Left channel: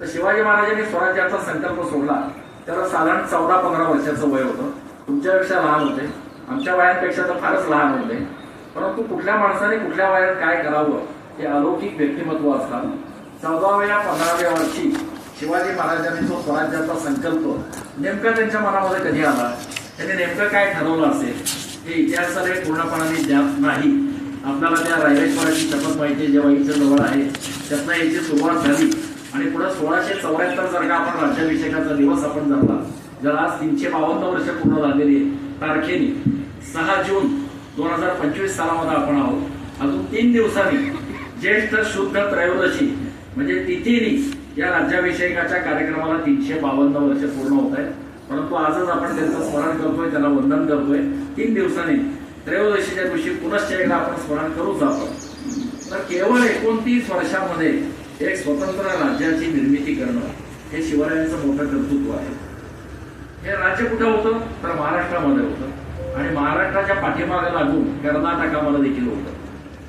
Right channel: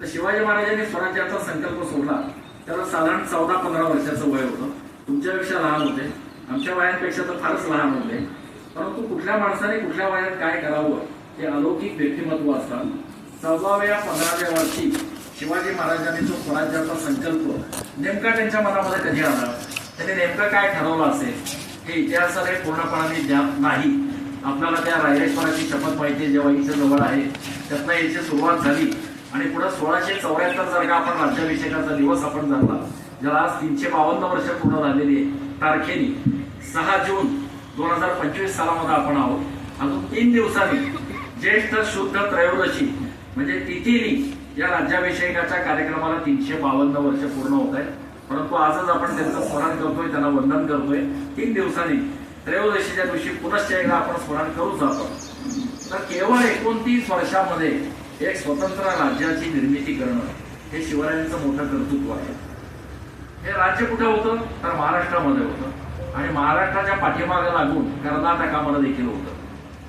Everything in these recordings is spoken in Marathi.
तर शिवाजी महाराजांनी स्वराज्याचा संकल्प सोडला त्याला साधारण 14-15 वर्षाचं वय होतं. तुमच्यापेक्षा लहान होते, आमच्या वयापेक्षा तर फारच लहान होते. परंतु कुठल्या माणसाने कुठल्या वयात काय करावं हे अलौकिक व्यक्तिमत्व असतात. 14व्या-15व्या वर्षी शिवाजी महाराजांनी जो स्वराज्याचा संकल्प नेमका त्यांच्या मनामध्ये कधी आला, त्यांनी नेमकं काय ठरवलं असेल हे इतिहासाने पूर्णपणाने ज्ञात नाही. आपल्याला त्या रायरेश्वराची शपथ माहिती जेव्हा इथं जवळ आहे त्यातनं याची सुरुवात झाली आणि पुढे 1674 जर का आपण राज्याभिषेकाचा दिवस आपण धरला, ज्याला आज 352 वर्ष पूर्ण झालेली तारखेने 6 जून 2025 सालामध्ये आपण आहोत. अजून 3 दिवसांनी ज्येष्ठ शुद्ध त्रयोदशी म्हणजे तिथीनी या राज्याभिषेकाच्या कार्यक्रमाला 352 वर्ष पूर्ण होत आहेत. परंतु आजच आपण त्यांचं स्मरण करतोय, त्याला वंदन करतोय. 3 दिवसांनी त्रयोदशीच्या दिवशी पुनश्च एकदा आपण स्मरण करूच आपण. तर केवळ 29 वर्षामध्ये एक स्वतंत्र राज्याची निर्मिती करणं हे शिवरायांचं मोठं कर्तृत्व आहे. हे राज्य कुठं होतं तर महाराष्ट्रामध्ये होतं आणि महाराष्ट्राच्या पाठीमागे लागून कर्नाटकामध्ये देखील होतं.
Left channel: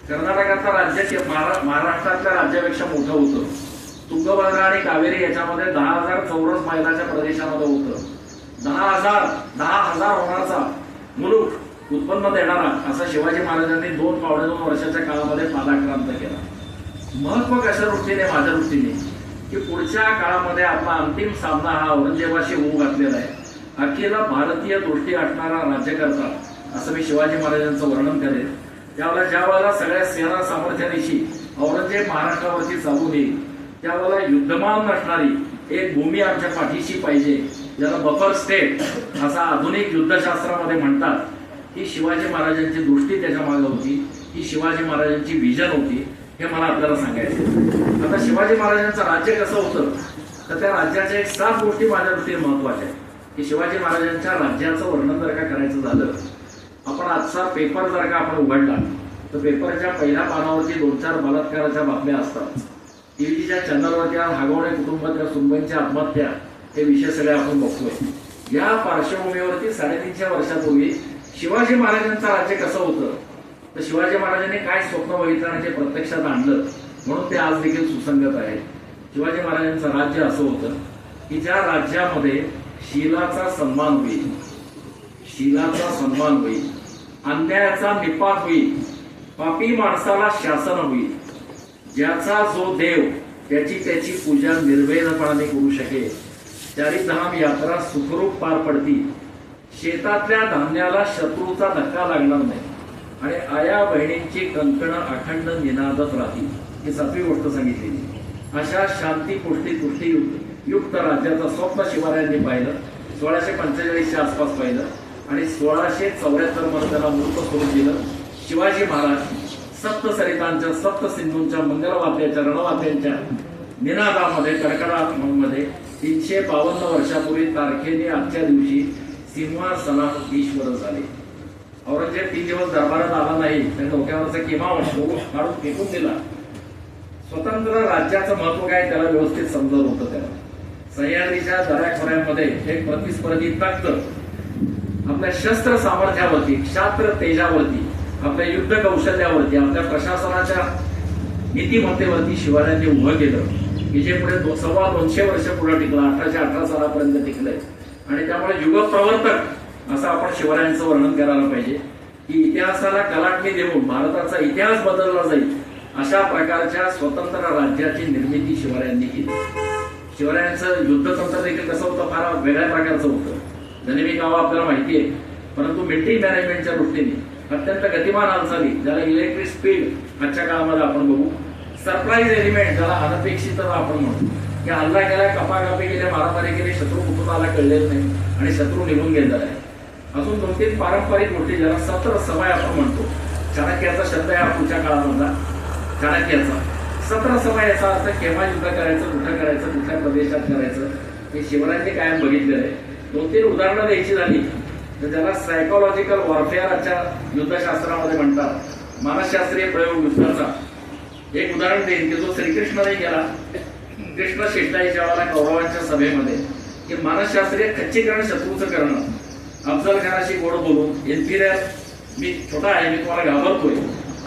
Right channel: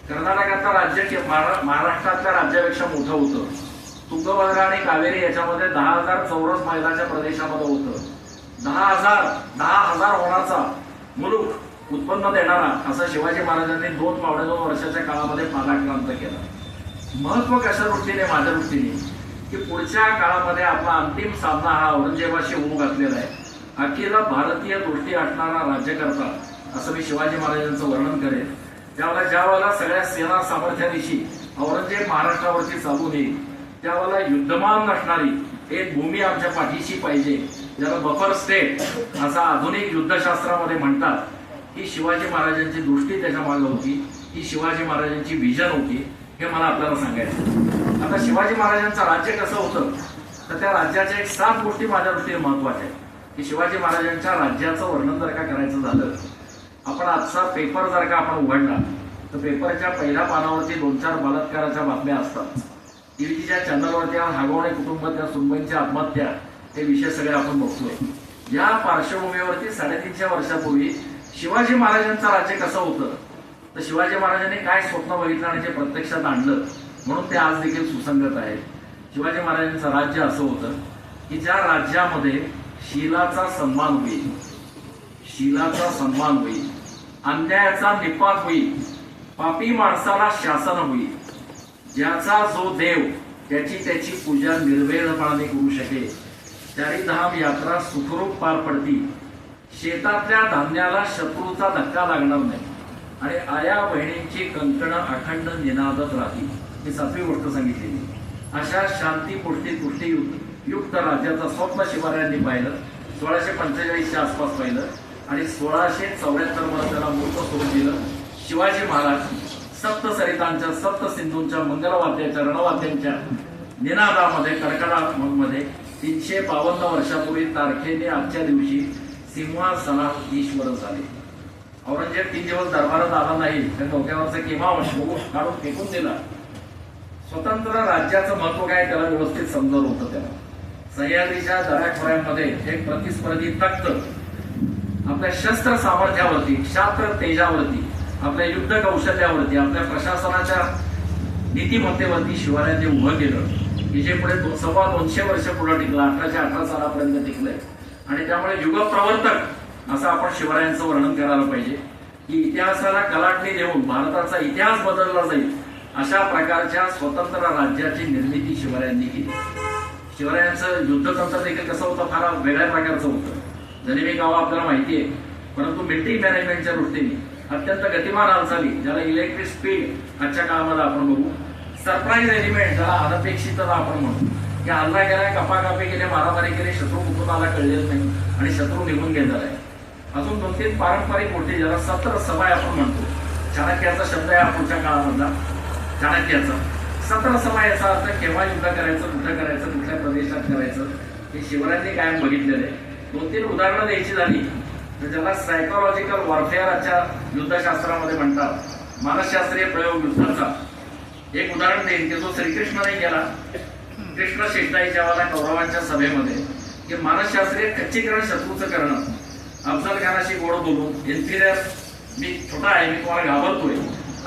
कर्नाटकातलं राज्य महाराष्ट्रातल्या राज्यापेक्षा मोठं होतं. तुंगभद्रा आणि कावेरी याच्यामध्ये 10,000 चौरस मैलाच्या प्रदेशामध्ये होतं. 10,000 होण्याचा मुलूक उत्पन्न देणारा असा शिवाजी महाराजांनी 2-2.5 वर्षाच्या काळामध्ये पादाक्रांत केला. महत्व कशा दृष्टीने, माझ्या दृष्टीने की पुढच्या काळामध्ये आपला अंतिम सामना हा औरंगजेबाशी होऊ घातलेला आहे. अखिल भारतीय दृष्टी असणारा राज्यकर्ता असं मी शिवाजी महाराजांचं वर्णन करेन. त्यावेळेला ज्यावेळेला सगळ्या सेना सामर्थ्यानिशी औरंगजेब महाराष्ट्रावरती चालून येईल त्यावेळेला युद्धमान नसणारी एक भूमी आमच्या पाठीशी पाहिजे, ज्याला बफर स्टेट असं आधुनिक युद्धशास्त्रामध्ये म्हणतात. ही शिवाजी महाराजांची दृष्टी त्याच्या मागे होती, ही शिवाजी महाराजांची विजन होती. हे मला आपल्याला सांगायचं. आता शिवाजी महाराजांचं राज्य कसं होतं तर त्या राज्याच्या एक 7 गोष्टी माझ्या दृष्टीने महत्वाच्या आहेत. की शिवाजी महाराजांच्या राज्याचं वर्णन जर का करायचं झालं, आपण आजचा पेपर जर का आपण उघडला तर पेपरच्या पहिल्या पानावरती 2-4 बलात्काराच्या बातम्या असतात. टीव्हीच्या चॅनलवरती हागवणे कुटुंबातल्या सुनबाईंच्या आत्महत्या हे विषय सगळे आपण बघतोय. या पार्श्वभूमीवरती 350 वर्षापूर्वी शिवाजी महाराजांचं राज्य कसं होतं तर शिवाजी महाराजांनी काय स्वप्न बघितलं आणि ते प्रत्यक्षात आणलं म्हणून ते आज देखील सुसंगत आहे. शिवाजी महाराजांचं राज्य असं होतं की ज्या राज्यामध्ये शीलाचा सन्मान होईल, शीलाचा सन्मान होईल, अन्यायाचा निपात होईल, पापी माणसाला शासन होईल, ज्याचा जो देव त्याची पूजा निर्भयपणाने करू शकेल, चारिधाम यात्रा सुखरूप पार पडतील, शेतातल्या धान्याला शत्रूचा धक्का लागणार नाही आणि आया बहिणींची कंकणं अखंड निनादत राहतील. ही 7वी गोष्ट सांगितलेली. अशा शांती पुष्टी युक्त राज्याचं स्वप्न शिवरायांनी पाहिलं. 1645च्या आसपास पाहिलं आणि 1674 मध्ये त्याला मूर्त सोडून दिलं. शिवाजी महाराज सप्तसरितांच्या, सप्तसिंधूंच्या, मंगलवाद्याच्या, रणवाद्यांच्या निनादामध्ये, कडकडामध्ये 352 वर्षापूर्वी तारखेने आजच्या दिवशी सिंहासनाधीश्वर झाले. औरंगजेब 3 दिवस दरबारात आला नाही, त्याने डोक्यावरचा किमा काढून फेकून दिला. स्वतंत्र राज्याचं महत्व काय त्याला व्यवस्थित समजवलं होतं. त्याला सह्याद्रीच्या दऱ्याखोऱ्यांमध्ये एक प्रतिस्पर्धी तख्त आपल्या शस्त्र सामर्थ्यावरती, क्षात्र तेजावरती, आपल्या युद्ध कौशल्यावरती, आपल्या प्रशासनाच्या नीतिमत्तेवरती शिवरायांनी उभं केलं की जे पुढे 225 वर्ष पुढे टिकलं, 1818 सालापर्यंत टिकलंय. आणि त्यामुळे युगप्रवर्तक असं आपण शिवरायांचं वर्णन करायला पाहिजे की इतिहासाला कलाटणी देऊन भारताचा इतिहास बदलला जाईल अशा प्रकारच्या स्वतंत्र राज्याची निर्मिती शिवरायांनी केली. शिवरायांचं युद्धतंत्र देखील कसं होतं, फार वेगळ्या प्रकारचं होतं. जणेवी गाव आपल्याला माहिती आहे, परंतु मिलिटरी मॅनेजमेंटच्या दृष्टीने अत्यंत गतिमान हालचाली, ज्याला इलेक्ट्रिक स्पीड आजच्या काळामध्ये आपण बघू, सरप्राईज एलिमेंट ज्याला अनपेक्षितता आपण म्हणू, की हल्ला केलाय, कपाकापी केली, मारामारी केली, शत्रू कुठून आला कळलेलं नाही आणि शत्रू निघून गेलेला आहे. अजून 2-3 पारंपरिक गोष्टी ज्याला सत्र समय आपण म्हणतो. चाणक्याचा शब्द आहे हा पुढच्या काळामधला, चाणक्याचा. 17 समय याचा अर्थ केव्हा युद्ध करायचं, कुठं करायचं, कुठल्या प्रदेशात करायचं हे शिवरायांनी कायम बघितलेलं आहे. 2-3 उदाहरणं द्यायची झाली तर ज्याला सायकोलॉजिकल वॉरफेअरच्या युद्धशास्त्रामध्ये म्हणतात, मानसशास्त्रीय प्रयोग युद्धाचा एक उदाहरण देईन की जो श्रीकृष्णाने केला. कृष्ण शेषताईच्या वेळेला कौरवांच्या सभेमध्ये की मानसशास्त्रीय खच्चीकरण शत्रूचं करणं, अफजल खानाशी गोड बोलून, इन्फिरियर, मी छोटा आहे, मी तुम्हाला घाबरतोय,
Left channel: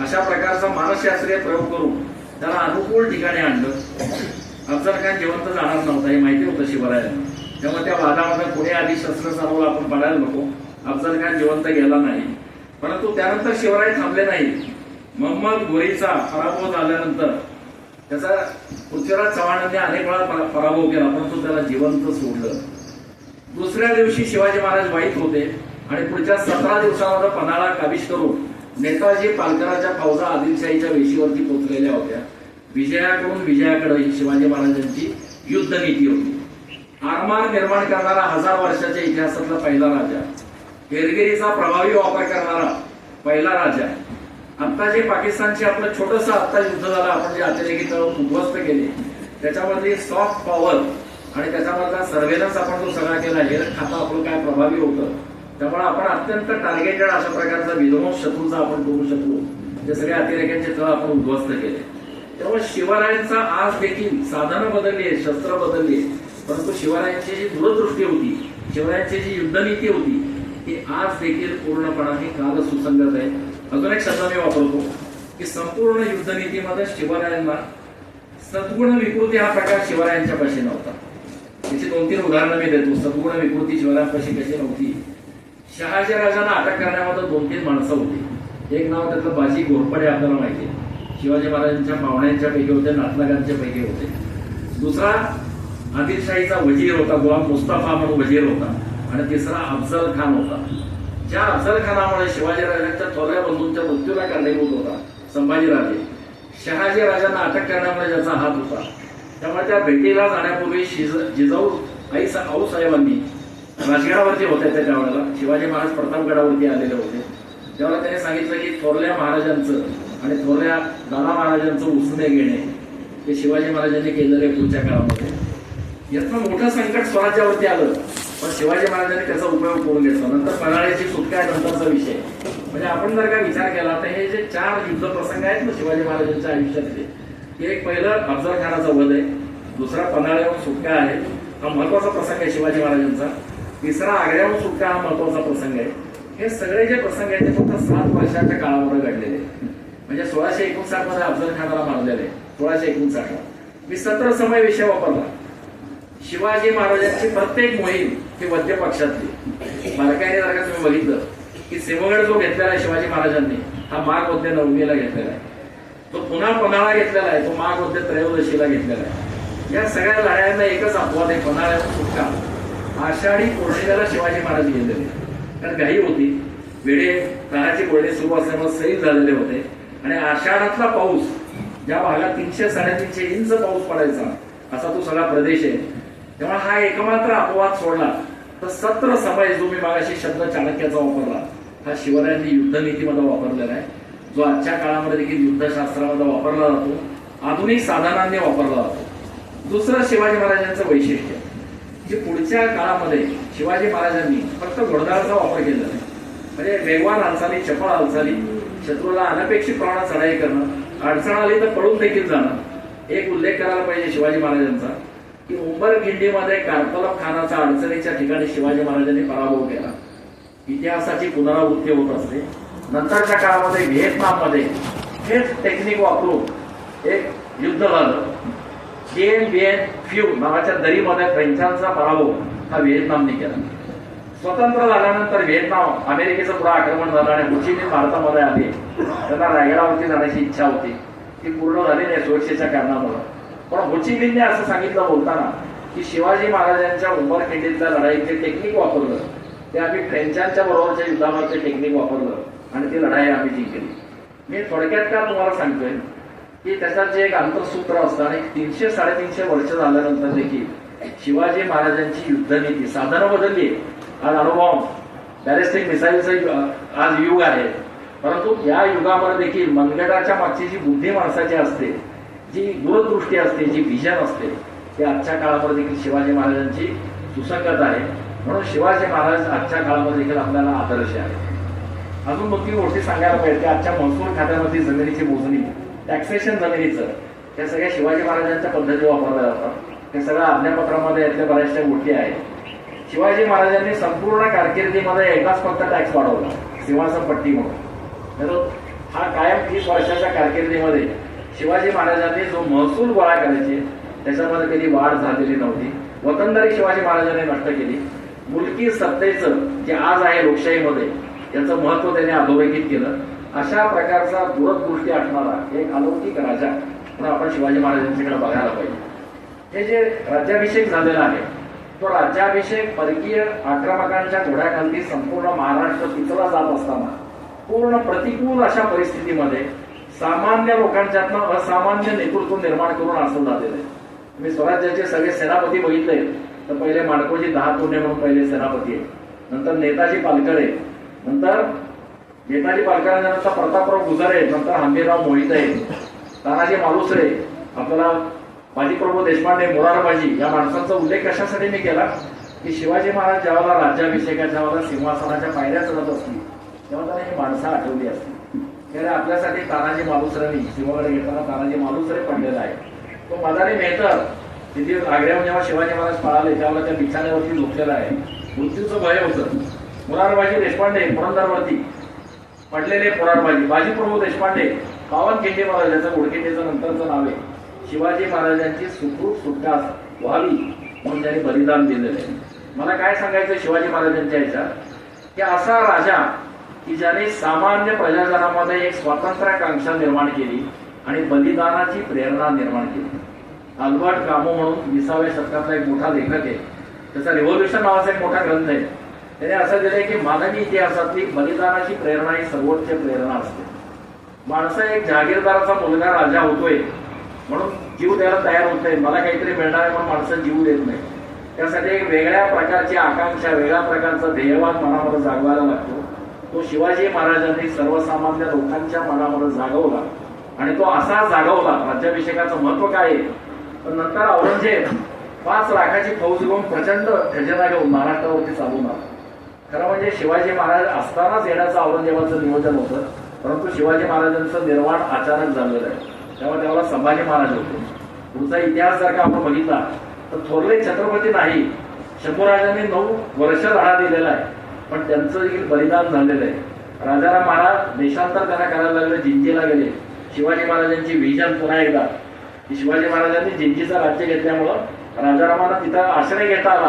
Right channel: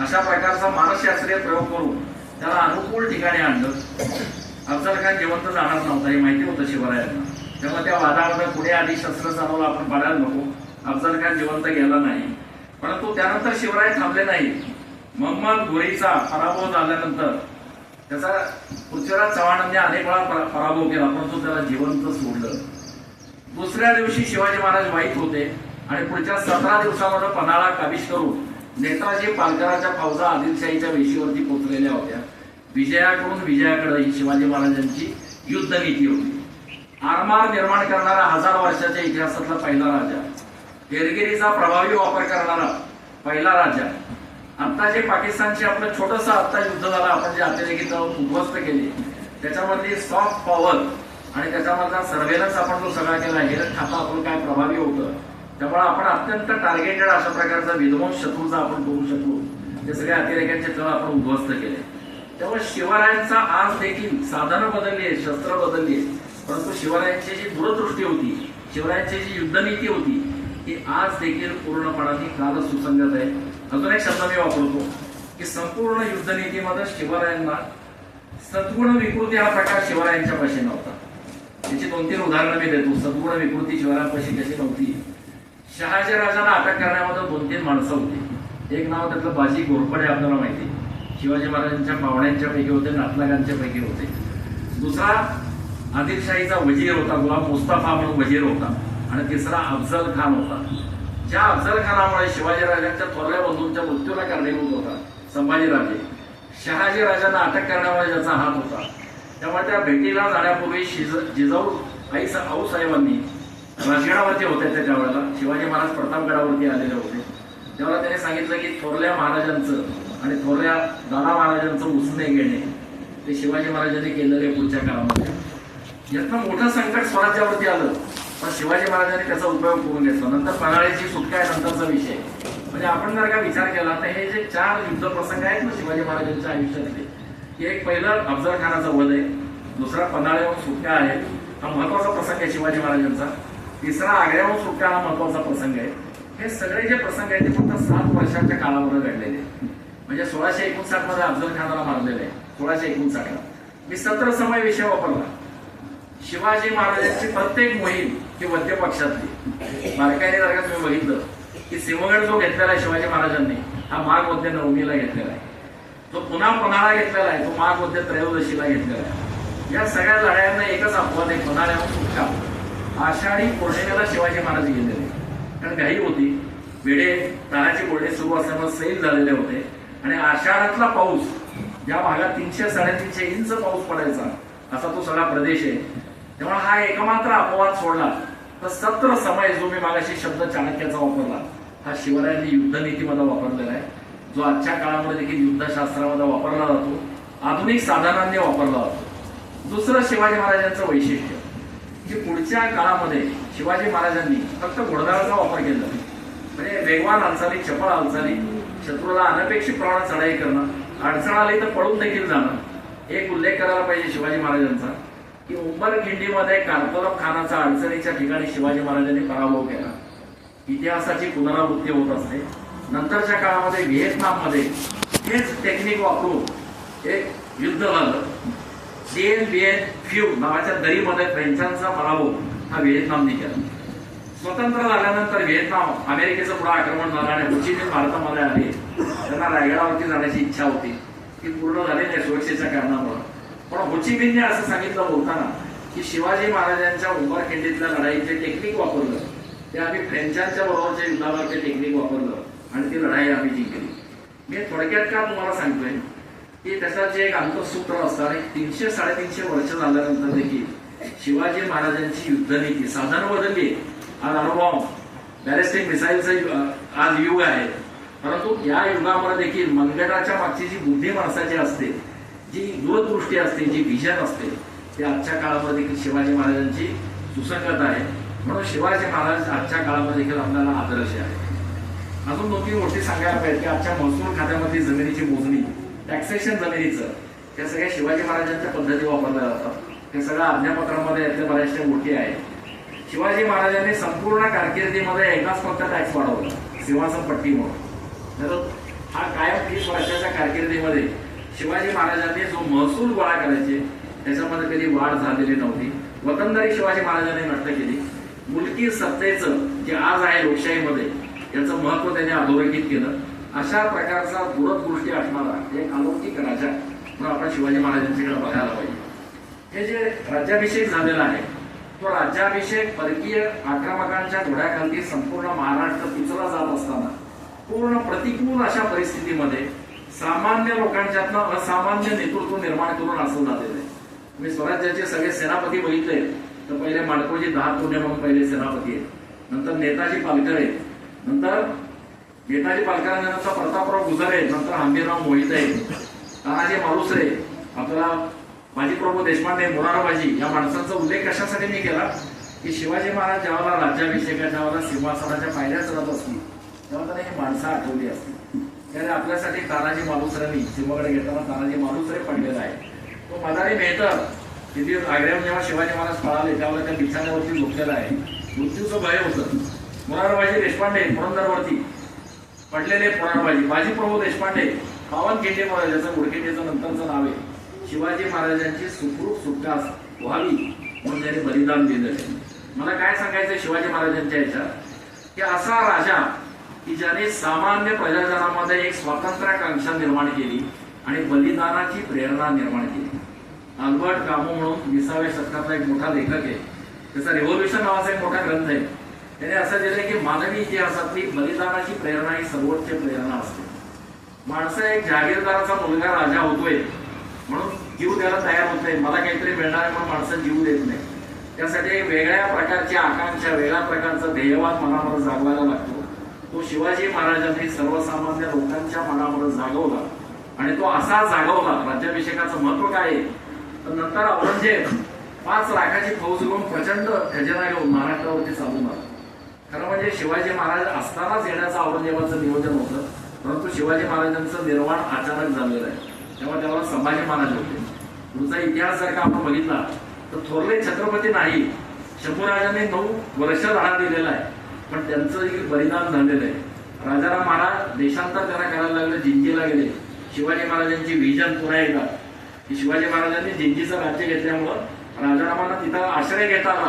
अशा प्रकारचा मानसशास्त्रीय प्रयोग करून त्याला अनुकूल ठिकाणी आणलं. अफजल खान जिवंत जाणार नव्हता हे माहिती होतं शिवरायांना. तेव्हा त्या वादामध्ये पुढे आधी शस्त्र चालवलं आपण पडायला नको. अफजल खान जिवंत गेला नाही, परंतु त्यानंतर शिवराय थांबले नाही. मोहम्मद घोरीचा पराभव झाल्यानंतर त्याचा पृथ्वीराज चव्हाणांनी अनेक वेळा पराभव केला, परंतु त्याला जिवंत सोडलं. दुसऱ्या दिवशी शिवाजी महाराज वाईट होते आणि पुढच्या 17 दिवसामध्ये पन्हाळा काबीज करून नेताजी पालकराच्या फौजा आदिलशाहीच्या वेशीवरती पोहोचलेल्या होत्या. विजयाकडून विजयाकडे ही शिवाजी महाराजांची युद्ध नीती होती. आरमार निर्माण करणारा 1000 वर्षाच्या इतिहासातला पहिला राजा, हेरगिरीचा प्रभावी वापर करणारा पहिला राजा. आता जे पाकिस्तानचे आपलं छोटंसं आता युद्ध झालं, आपण जे अतिरेकी तळ उद्ध्वस्त केले, त्याच्यामधली सॉफ्ट पॉवर आणि त्याच्यामधला सर्व्हेलन्स आपण जो सगळा केला, हे ठापा आपलं काय प्रभावी होतं. त्यामुळे आपण अत्यंत टार्गेटेड अशा प्रकारचा विध्वंस शत्रूचा आपण करू शकलो. ते सगळे अतिरेक्यांचे तळ आपण उद्ध्वस्त केले. त्यामुळे शिवरायांचा आज देखील साधनं बदलली आहे, शस्त्र बदलली आहे, परंतु शिवरायांची जी दूरदृष्टी होती, शिवरायांची जी युद्धनीती होती, ही आज देखील पूर्णपणाने काल सुसंगत आहे. अजून एक शब्द मी वापरतो की संपूर्ण युद्धनीतीमध्ये शिवरायांना सद्गुण विकृती हा प्रकार शिवरायांच्या पाशी नव्हता. त्याची 2-3 उदाहरणं मी देतो. सद्गुण विकृती शिवरायांपाशी कशी नव्हती. शहाजी राजांना अटक करण्यामध्ये 2-3 माणसं होती. एक नाव त्यातलं बाजी घोरपडे, आपल्याला माहिती आहे, शिवाजी महाराजांच्या पाहुण्यांच्या पैकी होते, नातलगांच्या पैकी होते. दुसरा आदिलशाहीचा वजीर होता, गुलाम मुस्तफा म्हणून वजीर होता. आणि तिसरा अफजल खान होता. ज्या अफजल खानामुळे शिवाजीराजांच्या थोरल्या बंधूंच्या मृत्यूला कारणीभूत होता संभाजीराजे, शहाजी राजांना अटक करण्यामध्ये ज्याचा हात होता. त्यामुळे त्या भेटीला जाण्यापूर्वी जिजाऊ आऊसाहेबांनी राजगडावरती होते. त्या वेळेला शिवाजी महाराज प्रतापगडावरती आलेले होते. तेव्हा त्याने सांगितलं की थोरल्या महाराजांचं आणि थोरल्या दादा महाराजांचं उसने घेणे ते शिवाजी महाराजांनी केलेले पुढच्या काळामध्ये. यातनं मोठं संकट स्वराज्यावरती आलं, पण शिवाजी महाराजांनी त्याचा उपयोग करून घेतला. नंतर पन्हाळ्याची सुटका आहे नंतरचा विषय. म्हणजे आपण जर का विचार केला तर हे जे 4 युद्ध प्रसंग आहेत ना शिवाजी महाराजांच्या आयुष्यातले, एक पहिलं अफजल खानाचा वध आहे, दुसरा पन्हाळ्याहून सुटका आहे, हा महत्वाचा प्रसंग आहे शिवाजी महाराजांचा. तिसरा आग्र्याहून सुटका हा महत्वाचा प्रसंग आहे. हे सगळे जे प्रसंग आहेत ते फक्त 7 वर्षाच्या काळामध्ये घडलेले. म्हणजे 1659 मध्ये अफजल खानाला मारलेले, 1659. मी सत्र समय विषय वापरला. शिवाजी महाराजांची प्रत्येक मोहीम ही मध्य पक्षातली. बारकाईने जर का तुम्ही बघितलं की सिंहगड जो घेतलेला आहे शिवाजी महाराजांनी, हा माघ मध्ये 9ला घेतलेला आहे. तो पुन्हा पन्हाळा घेतलेला आहे, तो माघ मध्ये 13ला घेतलेला आहे. या सगळ्या लढायांना एकच अपवाद आहे, पन्हाळ्यावर सुटका. आषाढी पौर्णिमेला शिवाजी महाराज गेलेले, कारण घाई होती, वेळे ताराची बोलणी सुरू असल्यामुळे सैल झालेले होते. आणि आषाढातला पाऊस, ज्या भागात 300-350 इंच पाऊस पडायचा असा तो सगळा प्रदेश आहे. तेव्हा हा एकमात्र अपवाद सोडला तर सत्र समय जो मी मागाशी शब्द चाणक्याचा वापरला, हा शिवरायांनी युद्धनीतीमध्ये वापरलेला आहे, जो आजच्या काळामध्ये देखील युद्धशास्त्रामध्ये वापरला जातो, आधुनिक साधनांनी वापरला जातो. दुसरं शिवाजी महाराजांचं वैशिष्ट्य, जे पुढच्या काळामध्ये शिवाजी महाराजांनी फक्त घोडदळाचा वापर केला, म्हणजे वेगवान हालचाली, चपळ हालचाली, शत्रूला अनपेक्षित प्रमाणात चढाई करणं, अडचण आली तर पळून देखील जाणं. एक उल्लेख करायला पाहिजे शिवाजी महाराजांचा की उंबरखिंडीमध्ये कारतलब खानाचा अडचणीच्या ठिकाणी शिवाजी महाराजांनी पराभव केला. इतिहासाची पुनरावृत्ती होत असते. नंतरच्या काळामध्ये व्हिएतनाममध्ये हेच टेक्निक वापरून एक युद्ध झालं. डीएन बिएन फ्यू नावाच्या दरीमध्ये फ्रेंचांचा पराभव हा व्हिएतनामने केला. स्वतंत्र झाल्यानंतर व्हिएतनाम अमेरिकेचं पुढे आक्रमण झालं आणि हुचिमिन भारतामध्ये आले. त्यांना रायगडावरती जाण्याची इच्छा होती, ती पूर्ण झाली नाही सुरक्षेच्या कारणामुळे. पण हुचिमिनने असं सांगितलं बोलताना की शिवाजी महाराजांच्या उंबरखिंडीतल्या लढाईत जे टेक्निक वापरलं ते आम्ही फ्रेंचांच्या बरोबरच्या युद्धावर ते टेक्निक वापरलं आणि ती लढाई आम्ही जिंकली. मी थोडक्यात का तुम्हाला सांगतोय की त्याचं जे एक आंतरसूत्र असतं आणि 300-350 वर्ष झाल्यानंतर देखील शिवाजी महाराजांची युद्धनीती, साधनं बदलली. आज अणुबॉम्ब, बॅलिस्टिक मिसाईलचं आज युग आहे, परंतु या युगामध्ये देखील मनगटाच्या मागची जी बुद्धी माणसाची असते, जी दूरदृष्टी असते, जी विजन असते, ते आजच्या काळामध्ये देखील शिवाजी महाराजांची सुसंगत आहे. म्हणून शिवाजी महाराज आजच्या काळामध्ये देखील आपल्याला आदर्श आहे. अजून 2-3 गोष्टी सांगायला पाहिजे की आजच्या महसूल खात्यामध्ये जमिनीची मोजणी, टॅक्सेशन जमिनीचं, हे सगळ्या शिवाजी महाराजांच्या पद्धती वापरल्या जातात. हे सगळ्या आज्ञापत्रामध्ये यातल्या बऱ्याचशा गोष्टी आहेत. शिवाजी महाराजांनी संपूर्ण कारकिर्दीमध्ये एकाच फक्त टॅक्स वाढवला, सिंहासन पट्टी म्हणून. हा कायम 30 वर्षाच्या कारकिर्दीमध्ये शिवाजी महाराजांनी जो महसूल गोळा करायचे त्याच्यामध्ये कधी वाढ झालेली नव्हती. वतनदारी शिवाजी महाराजांनी नष्ट केली. मुलकी सत्तेचं जे आज आहे लोकशाहीमध्ये याचं महत्व त्यांनी अधोरेखित केलं. अशा प्रकारचा दूरदृष्टी असणारा एक अलौकिक राजा म्हणून आपण शिवाजी महाराजांच्याकडे बघायला पाहिजे. हे जे राज्याभिषेक झालेला आहे तो राज्याभिषेक परकीय आक्रमकांच्या घोड्याखाली संपूर्ण महाराष्ट्र पिचला जात असताना पूर्ण प्रतिकूल अशा परिस्थितीमध्ये सामान्य लोकांच्यातनं असामान्य नेतृत्व निर्माण करून असं झालेलं आहे. तुम्ही स्वराज्याचे सगळे सेनापती बघितले तर पहिले माडकोजी 10 तोंडे म्हणून पहिले सेनापती आहेत, नंतर नेताजी पालकर आहेत, नंतर नेताजी पालकरांनंतर प्रतापराव गुजर आहेत, नंतर हंबीरराव मोहित आहेत, तानाजी मालुसरे, आपल्याला बाजीप्रभू देशपांडे, मोरारबाजी या माणसांचा उल्लेख कशासाठी मी केला की शिवाजी महाराज जेव्हा राज्याभिषेकाच्या वेळेला सिंहासनाच्या पायऱ्या चढत असतील तेव्हा त्यांना ही माणसं आठवली असतील. त्यामुळे आपल्यासाठी तानाजी मालुसरेंनी सिंहगड घेताना तानाजी मालुसरे पडलेला आहे. तो मदारी मेहतर तिथे आग्र्याहून जेव्हा शिवाजी महाराज पळाले त्यावेळेला त्या बिछाण्यावरती झोपलेला आहे. मृत्यूचं भय होतं. मोरारबाजी देशपांडे पुरंदरवरती पडलेले मोरारबाजी, बाजीप्रभू देशपांडे पावनखिंडी महाराज याचं उडकिंडीचं नंतरचं नाव आहे. शिवाजी महाराजांची सुखरूप सुटका व्हावी म्हणून त्यांनी बलिदान दिलेलं आहे. मला काय सांगायचं शिवाजी महाराजांच्या ह्याच्यात की असा राजा की ज्याने सामान्य प्रजाजनामध्ये एक स्वातंत्र्याकांक्षा निर्माण केली आणि बलिदानाची प्रेरणा निर्माण केली. अल्बर्ट कामू म्हणून 20व्या शतकातला एक मोठा लेखक आहे, त्याचा रिव्होल्युशन नावाचा एक मोठा ग्रंथ आहे. त्याने असं दिलंय की मानवी इतिहासातली बलिदानाची प्रेरणा ही सर्वोच्च प्रेरणा असते. माणसं एक जहागीरदाराचा मुलगा राजा होतोय म्हणून जीव द्यायला तयार होत नाही, मला काहीतरी मिळणार आहे म्हणून माणसं जीव देत नाही. त्यासाठी एक वेगळ्या प्रकारची आकांक्षा, वेगळ्या प्रकारचा ध्येयवाद मनामध्ये जागवायला लागतो. तो शिवाजी महाराजांनी सर्वसामान्य लोकांच्या मनामध्ये जागवला आणि तो असा जागवला. राज्याभिषेकाचं महत्व काय आहे तर नंतर औरंगजेब 5 लाखाची फौज घेऊन प्रचंड खजिना घेऊन महाराष्ट्रावरती चालून आला. खरं म्हणजे शिवाजी महाराज असतानाच येण्याचं औरंगजेबाचं नियोजन होतं, परंतु शिवाजी महाराजांचं निर्माण अचानक झालेलं आहे. तेव्हा त्याला संभाजी महाराज होते. पुढचा इतिहास जर का आपण बघितला तर थोरले छत्रपती नाही, शंभूराजांनी 9 वर्ष लढा दिलेला आहे, पण त्यांचं देखील बलिदान झालेलं आहे. राजाराम महाराज देशांतर त्यांना करायला लागले, जिंजीला गेले. शिवाजी महाराजांची व्हिजन पुन्हा एकदा की शिवाजी महाराजांनी जिंजीचं राज्य घेतल्यामुळं राजारामांना तिथं आश्रय घेता आला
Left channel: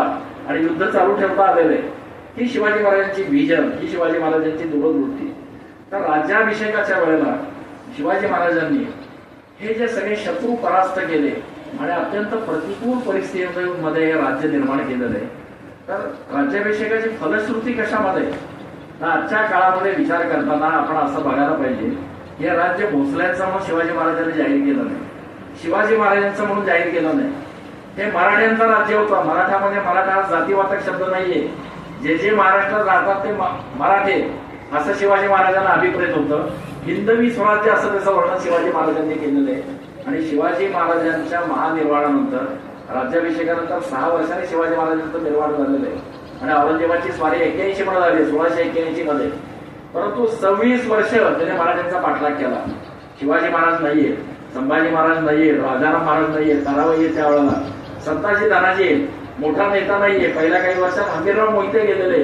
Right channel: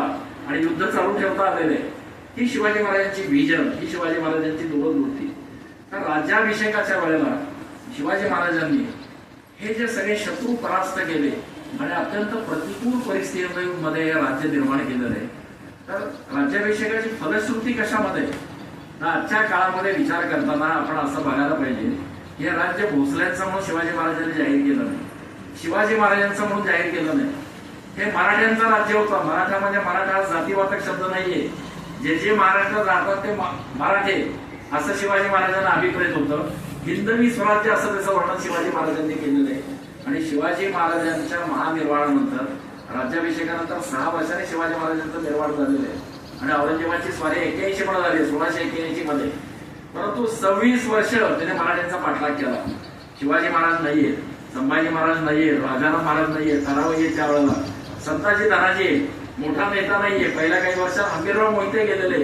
आणि युद्ध चालू ठेवता आलेले. ही शिवाजी महाराजांची व्हिजन, ही शिवाजी महाराजांची दूरदृष्टी. तर राज्याभिषेकाच्या वेळेला शिवाजी महाराजांनी हे जे सगळे शत्रू परास्त केले आणि अत्यंत प्रतिकूल परिस्थितीमध्ये हे राज्य निर्माण केलेलं आहे. तर राज्याभिषेकाची फलश्रुती कशामध्ये तर आजच्या काळामध्ये विचार करताना आपण असं बघायला पाहिजे हे राज्य भोसल्यांचं म्हणून शिवाजी महाराजांनी जाहीर केलं नाही, शिवाजी महाराजांचं म्हणून जाहीर केलं नाही. हे मराठ्यांचं राज्य होतं. मराठा म्हणजे मराठा हा जातीवाचक शब्द नाहीये. जे जे महाराष्ट्रात राहतात ते मराठे असं शिवाजी महाराजांना अभिप्रेत होतं. हिंदवी स्वराज्य असं त्याचं वर्णन शिवाजी महाराजांनी केलेलं आहे. आणि शिवाजी महाराजांच्या महानिर्वाणानंतर राज्याभिषेकानंतर 6 वर्षांनी शिवाजी महाराजांचं निर्वाण झालेलं आहे. आणि औरंगजेबाची स्वारी 81 मध्ये झाली, 1681 मध्ये. परंतु 26 वर्ष त्याने मराठ्यांचा पाठलाग केला. शिवाजी महाराज नाहीये, संभाजी महाराज नाहीये, राजाराम महाराज नाहीये, ताराबाई त्यावेळेला, संताजी तानाजी मोठा नेता नाहीये. पहिल्या काही वर्षात हंबीरराव मोहिते गेलेले.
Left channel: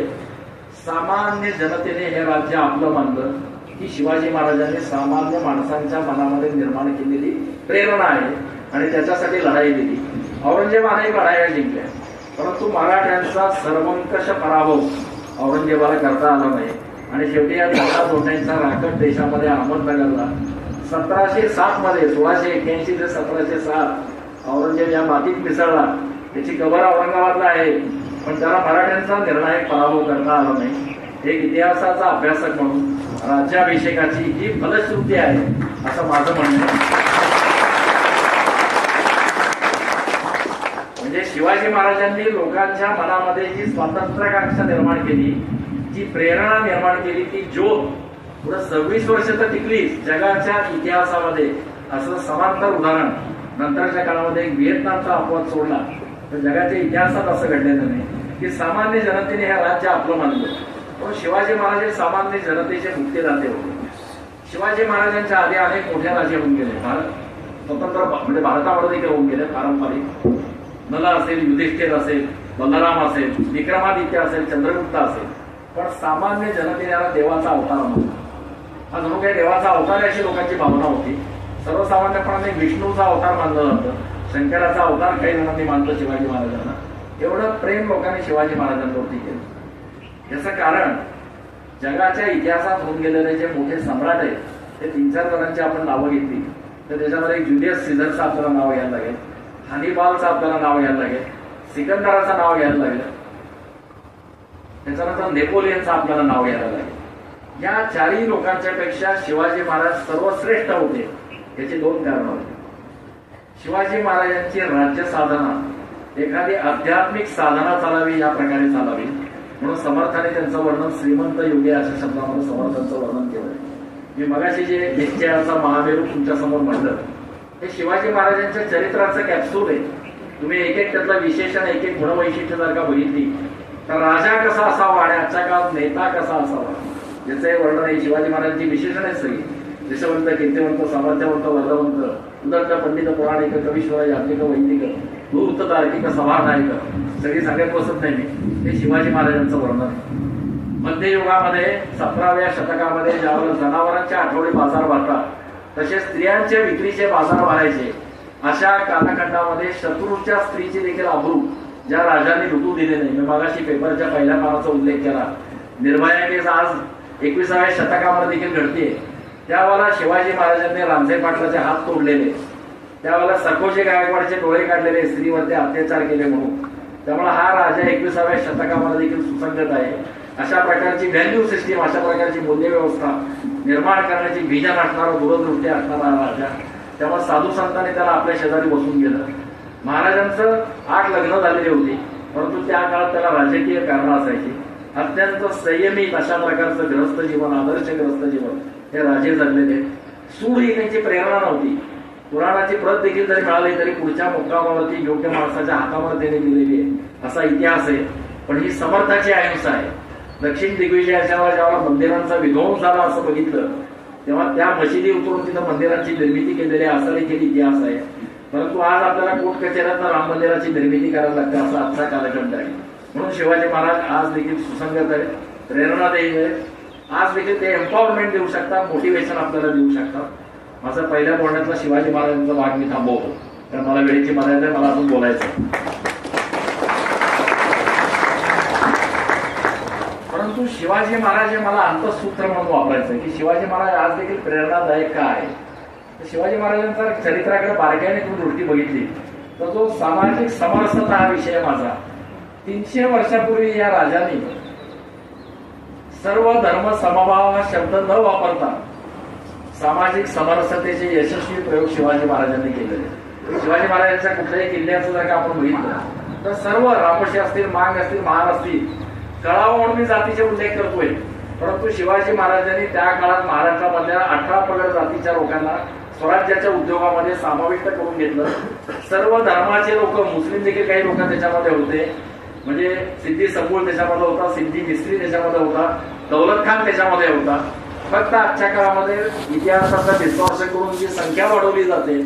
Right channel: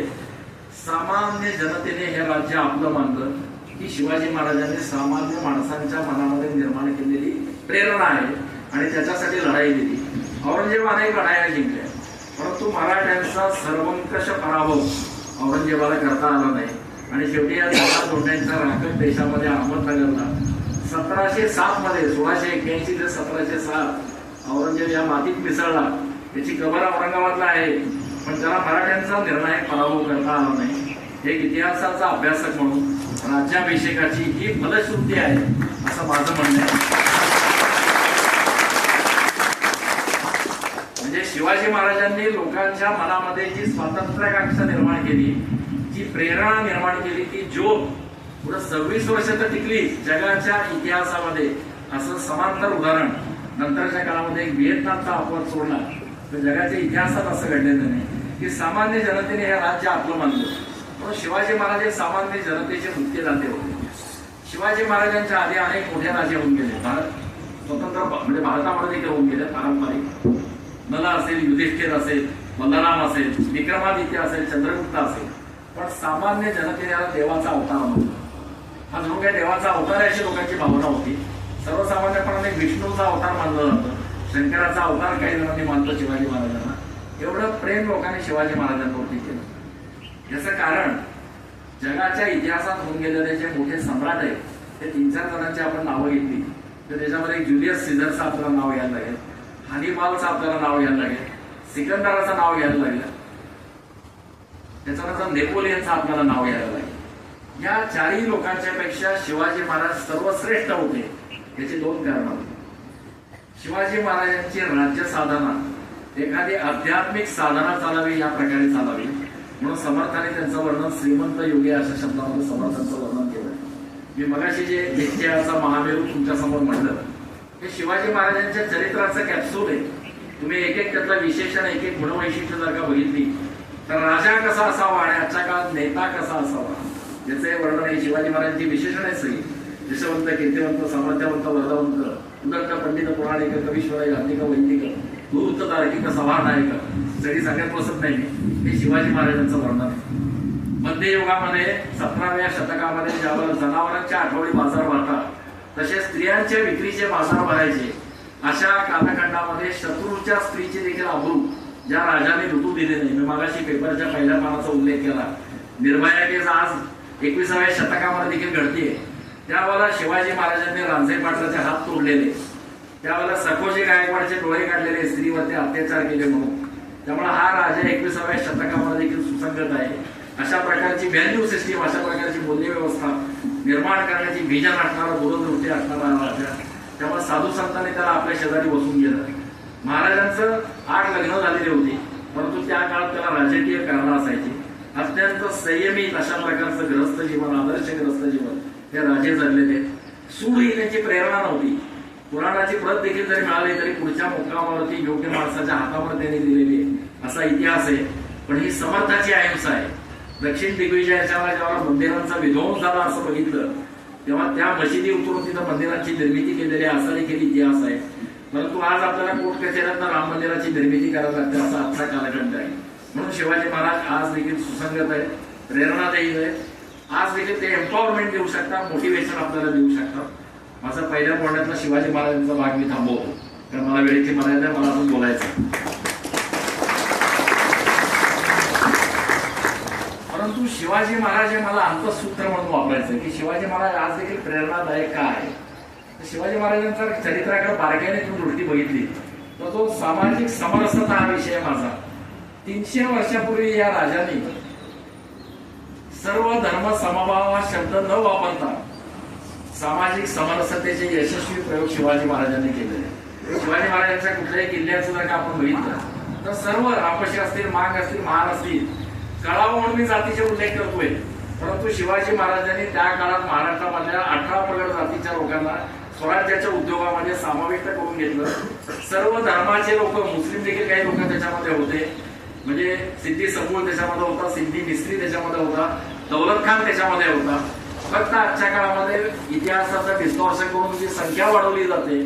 सामान्य जनतेने हे राज्य आपलं मानलं की शिवाजी महाराजांनी सामान्य माणसांच्या मनामध्ये निर्माण केलेली प्रेरणा आहे आणि त्याच्यासाठी लढाई दिली. औरंगजेब अनेक लढाया जिंकल्या, परंतु मराठ्यांचा सर्वंकष पराभव औरंगजेबाला करता आला नाही. आणि शेवटी या 10 तोंड्यांच्या राकट देशामध्ये अहमदनगरला 1707 मध्ये 1681 ते 1707 औरंगजेब या मातीत मिसळला. त्याची कबर औरंगाबादला आहे, पण त्याला मराठ्यांचा निर्णायक पराभव करता आला नाही. एक इतिहासाचा अभ्यासक म्हणून राज्याभिषेकाची ही फलश्रुती आहे असं माझं म्हणणं आहे. म्हणजे शिवाजी महाराजांनी लोकांच्या मनामध्ये जी स्वातंत्र्याकांक्षा निर्माण केली, जी प्रेरणा निर्माण केली की जो पुढे 26 वर्ष तर टिकली. जगाच्या इतिहासामध्ये असं समांतर उदाहरण नंतरच्या काळामध्ये एक व्हिएतनामचा अपवाद सोडला तर जगाच्या इतिहासात असं घडलेलं नाही की सामान्य जनतेने हे राज्य आपलं मानलं. पण शिवाजी महाराज हे सामान्य जनतेचे मुक्तीदाते होते. शिवाजी महाराजांच्या आधी अनेक मोठे राजे होऊन गेले. भारत स्वतंत्र म्हणजे भारतामध्ये देखील होऊन गेले. पारंपरिक नल असेल, युधिष्ठिर असेल, बलराम असेल, विक्रमादित्य असेल, चंद्रगुप्त असेल. पण सामान्य जनतेने याला देवाचा अवतार मानला. हा जणू काही देवाचा अवतार अशी लोकांची भावना होती. सर्वसामान्यपणे विष्णूचा अवतार मानलं जातं, शंकराचा अवतार काही जणांनी मानतो शिवाजी महाराजांना. एवढं प्रेम लोकांनी शिवाजी महाराजांवरती केलं. याचं कारण जगाच्या इतिहासात होऊन गेलेले जे मोठे सम्राट आहेत ते 3-4 जणांची आपण नावं घेतली तर त्याच्यामध्ये जुलियस सीझरचं आपल्याला नाव घ्यायला लागेल, हॅनिबालचं आपल्याला नाव घ्यायला लागेल, सिकंदराचं नाव घ्यायला लागेल, त्याच्यानंतर नेपोलियनचं आपल्याला नाव घ्यायला लागेल. या 4ही लोकांच्या पेक्षा शिवाजी महाराज सर्वश्रेष्ठ होते. याची 2 कारणं होती. शिवाजी महाराजांची राज्य साधना एखादी आध्यात्मिक साधना चालावी या प्रकारे चालावी म्हणून समर्थाने त्यांचं वर्णन श्रीमंत योगी अशा शब्दामध्ये समर्थांचं वर्णन केलं. मी मगाशी जे निश्चयाचा महामेरू तुमच्या समोर म्हणलं हे शिवाजी महाराजांच्या चरित्राचं कॅप्सूल आहे. तुम्ही एक त्यातलं विशेषण एक गुणवैशिष्ट्य जर का बघितली तर राजा कसा असावा आणि आजच्या काळात नेता कसा असावा याचं हे वर्णन आहे. शिवाजी महाराजांची विशेषण आहे सगळी. यशवंत, कीर्तिवंत, सामर्थ्यवंत, वर्धवंत, उदत्त, पंडित, पुराणिक, कवीश्वर, याज्ञिक, वैदिक, धूर्त, तार्किक, सभानायक सगळी सांगत बसत नाही. हे शिवाजी महाराजांचं वर्णन आहे. मध्ययुगामध्ये 17व्या शतकामध्ये ज्यावेळेला जनावरांचे आठवडे बाजार भरतात तसे स्त्रियांच्या विक्रीचे बाजार भरायचे अशा कालखंडामध्ये शत्रूच्या स्त्रीची देखील अब्रू ज्या राजाने लुटू दिले नाही. मी मागाशी पेपरच्या पहिल्या पानाचा उल्लेख केला. निर्भया केस आज 21व्या शतकामध्ये देखील घडते. त्यावेळेला शिवाजी महाराजांनी रामसाई पाटलाचे हात तोडलेले, त्यावेळेला सखोजी गायकवाडचे डोळे काढलेले, स्त्रीवरती अत्याचार केले म्हणून. त्यामुळे हा राजा 21व्या शतकामध्ये देखील सुसंगत आहे. अशा प्रकारची व्हॅल्यू सिस्टीम, अशा प्रकारची मूल्य व्यवस्था निर्माण करण्याची विजन असणारा, दूरदृष्टी असणारा राजा. तेव्हा साधू संतांनी त्याला आपल्या शेजारी बसून गेलं. महाराजांचं 8 लग्न झालेली होती परंतु त्या काळात त्याला राजकीय कारणं असायची. अत्यंत संयमित अशा प्रकारचं ग्रस्त जीवन, आदर्श ग्रस्त जीवन हे राजे जगलेले. सूड ही त्यांची प्रेरणा नव्हती. पुराणाची प्रत देखील जरी मिळाली तरी पुढच्या मुक्कामावरती योग्य माणसाच्या हातावर त्याने दिलेली आहे असा इतिहास आहे. पण ही समर्थाची अहिंसा आहे. दक्षिण दिग्विजयाच्या जेव्हा मंदिरांचा विध्वंस झाला असं बघितलं तेव्हा त्या मशिदी उतरून तिथं मंदिरांची निर्मिती केलेली असा देखील इतिहास आहे. परंतु आज आपल्याला कोर्ट कचेऱ्यात राम मंदिराची निर्मिती करायला लागते असा आजचा कालखंड आहे. म्हणून शिवाजी महाराज आज देखील सुसंगत आहे, प्रेरणादायी आहे. आज देखील ते एम्पॉवरमेंट देऊ शकतात, मोटिवेशन आपल्याला देऊ शकतात. माझा पहिल्या बोलण्यातला शिवाजी महाराजांचा भाग मी थांबवतो कारण मला वेळेची मर्यादा आहे, मला अजून बोलायचं. परंतु शिवाजी महाराज हे मला अंतसूत्र म्हणून वापरायचं की शिवाजी महाराज आज देखील प्रेरणादायक का आहे. शिवाजी महाराजांच्या चरित्राकडे बारकाईने तुम्ही दृष्टी बघितली तर जो सामाजिक समरसता हा विषय माझा. 300 वर्षापूर्वी या राजाने सर्व धर्म समभाव हा शब्द न वापरता सामाजिक समरसतेचे यशस्वी प्रयोग शिवाजी महाराजांनी केलेले. शिवाजी महाराजांच्या कुठल्याही किल्ल्याचं जर का आपण बघितलं तर सर्व रापशी असतील, मांग असतील, महान असतील, कळावं म्हणून मी जातीचे उल्लेख करतोय परंतु शिवाजी महाराजांनी त्या काळात महाराष्ट्रामधल्या 18 प्रगत जातीच्या लोकांना स्वराज्याच्या उद्योगामध्ये समाविष्ट करून घेतलं. सर्व धर्माचे लोक, मुस्लिम देखील काही लोक त्याच्यामध्ये होते. म्हणजे सिद्धी सबूळ त्याच्यामध्ये होता, सिद्धी मिस्त्री त्याच्यामध्ये होता, दौलत खान त्याच्यामध्ये होता. फक्त आजच्या काळामध्ये इतिहासाचा डिस्टॉर्शन करून जी संख्या वाढवली जाते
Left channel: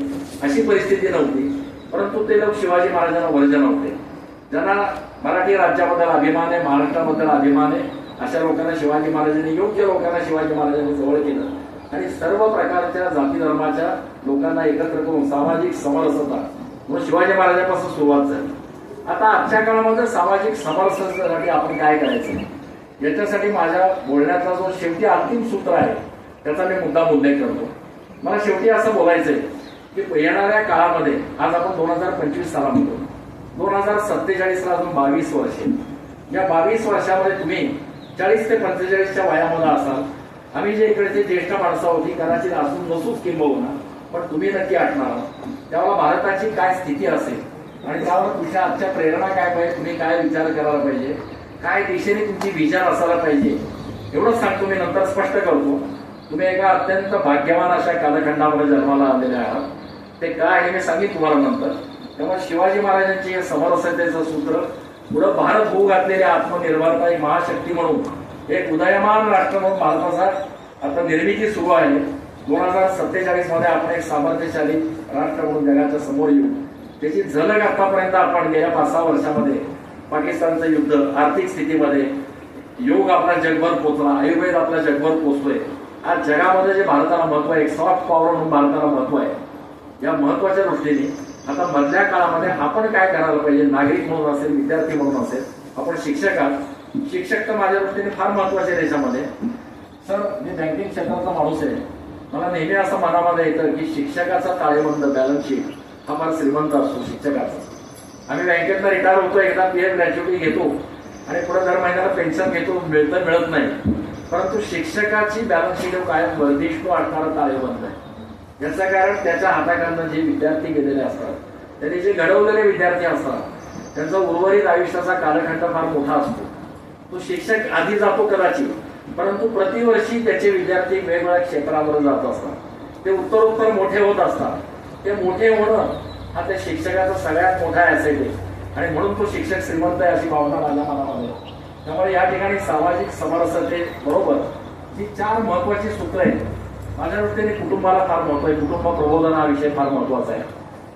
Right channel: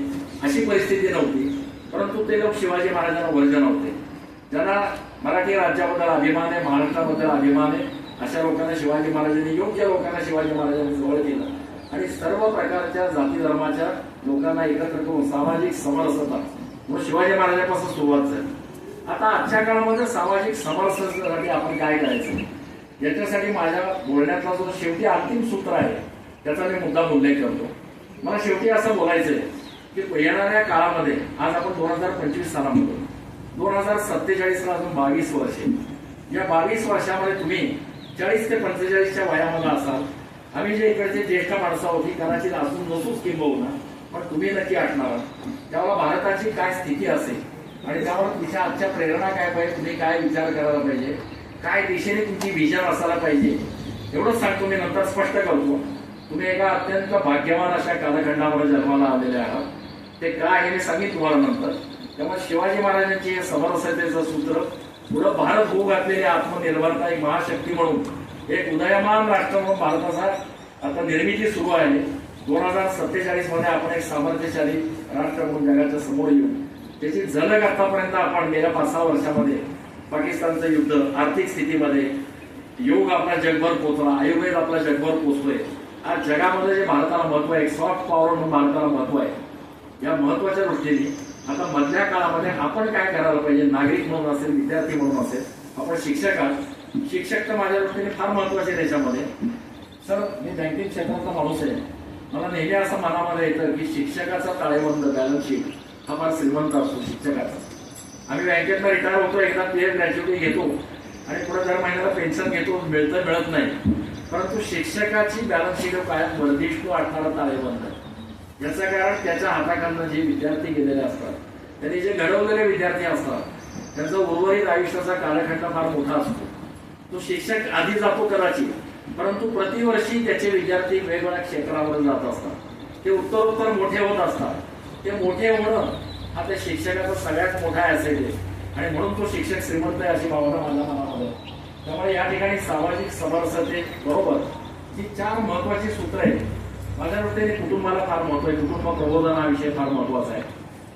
अशी परिस्थिती नव्हती. परंतु ते लोक शिवाजी महाराजांना वर्जन होते. ज्यांना मराठी राज्याबद्दल अभिमान आहे, महाराष्ट्राबद्दल अभिमान आहे अशा लोकांना शिवाजी महाराजांनी, योग्य लोकांना शिवाजी महाराजांनी जवळ केलं आणि सर्व प्रकारच्या जाती धर्माच्या लोकांना एकत्र करून सामाजिक समरसता म्हणून शिवाजी महाराजांपासून सुरुवात झाली. आता आजच्या काळामध्ये सामाजिक समरसतेसाठी आपण काय करायचं याच्यासाठी माझ्या बोलण्याचा जो शेवटी अंतिम सूत्र आहे त्याचा मी मुद्दाम उल्लेख करतो. मला शेवटी असं बोलायचंय की येणाऱ्या काळामध्ये आज आपण 2025 सालामध्ये 2047 ला अजून 22 वर्ष. या 22 वर्षामध्ये तुम्ही 40 ते 45च्या वयामध्ये असाल. आम्ही जे इकडचे ज्येष्ठ माणसं होती कदाचित असून नसूच किंबहुना पण तुम्ही नक्की आठणार. तेव्हा भारताची काय स्थिती असेल आणि त्यावर तुमच्या आजच्या प्रेरणा काय पाहिजे, तुम्ही काय विचार करायला पाहिजे, काय दिशेने तुमची विचार असायला पाहिजे एवढंच सांगतो. मी नंतर स्पष्ट करतो. तुम्ही एका अत्यंत भाग्यवान अशा कालखंडामध्ये जन्माला आलेले आहात. ते काय आहे मी सांगितलं तुम्हाला नंतर. त्यामुळे शिवाजी महाराजांचे समरसतेचं सूत्र पुढं भारत होऊ घातलेली आत्मनिर्भरता एक महाशक्ती म्हणून एक उदयमान राष्ट्र म्हणून भारताचा आता निर्मिती सुरू आहे. 2047 मध्ये आपण एक सामर्थ्यशाली राष्ट्र म्हणून जगाच्या समोर येऊ. त्याची झलक आतापर्यंत आपण गेल्या 5-6 वर्षामध्ये पाकिस्तानचं युद्ध, आर्थिक स्थितीमध्ये योग आपला जगभर पोहोचला, आयुर्वेद आपला जगभर पोहोचतोय. आज जगामध्ये जे भारताला महत्व आहे, एक सॉफ्ट पॉवर म्हणून भारताला महत्व आहे. या महत्वाच्या दृष्टीने आता मधल्या काळामध्ये आपण काय करायला पाहिजे, नागरिक म्हणून असेल, विद्यार्थी म्हणून असेल, आपण शिक्षक आहात. शिक्षक तर माझ्या दृष्टीने फार महत्वाचे देशामध्ये. सर, मी बँकिंग क्षेत्राचा माणूस आहे. मला नेहमी असं मनामध्ये येतं की शिक्षकाचा ताळेबंद बॅलन्स शीट हा फार श्रीमंत असतो शिक्षकाचा. आम्ही बँकेतनं रिटायर होतो, एकदा पीएफ ग्रॅज्युटी घेतो आणि पुढे दर महिन्याला पेन्शन घेतो, मिळत नाही. परंतु शिक्षकाची बॅलन्स शीट कायम बर्दिष्ट असणारा ताळेबंद आहे. याचं कारण त्याच्या हाताकडनं जे विद्यार्थी गेलेले असतात, त्यांनी जे घडवलेले विद्यार्थी असतात, त्यांचा उर्वरित आयुष्याचा कालखंड फार मोठा असतो. तो शिक्षक आधी जातो कदाचित, परंतु प्रतिवर्षी त्याचे विद्यार्थी वेगवेगळ्या क्षेत्रावर जात असतात. ते उत्तरोत्तर मोठे होत असतात. ते मोठे होणं हा त्या शिक्षकाचा सगळ्यात मोठा ऍसेट आहे आणि म्हणून तो शिक्षक श्रीमंत आहे अशी भावना माझ्या मनामध्ये. त्यामुळे या ठिकाणी सामाजिक समरसतेबरोबर जी 4 महत्वाची सूत्र आहेत. माझ्या दृष्टीने कुटुंबाला फार महत्व आहे. कुटुंब प्रबोधन हा विषय फार महत्वाचा आहे.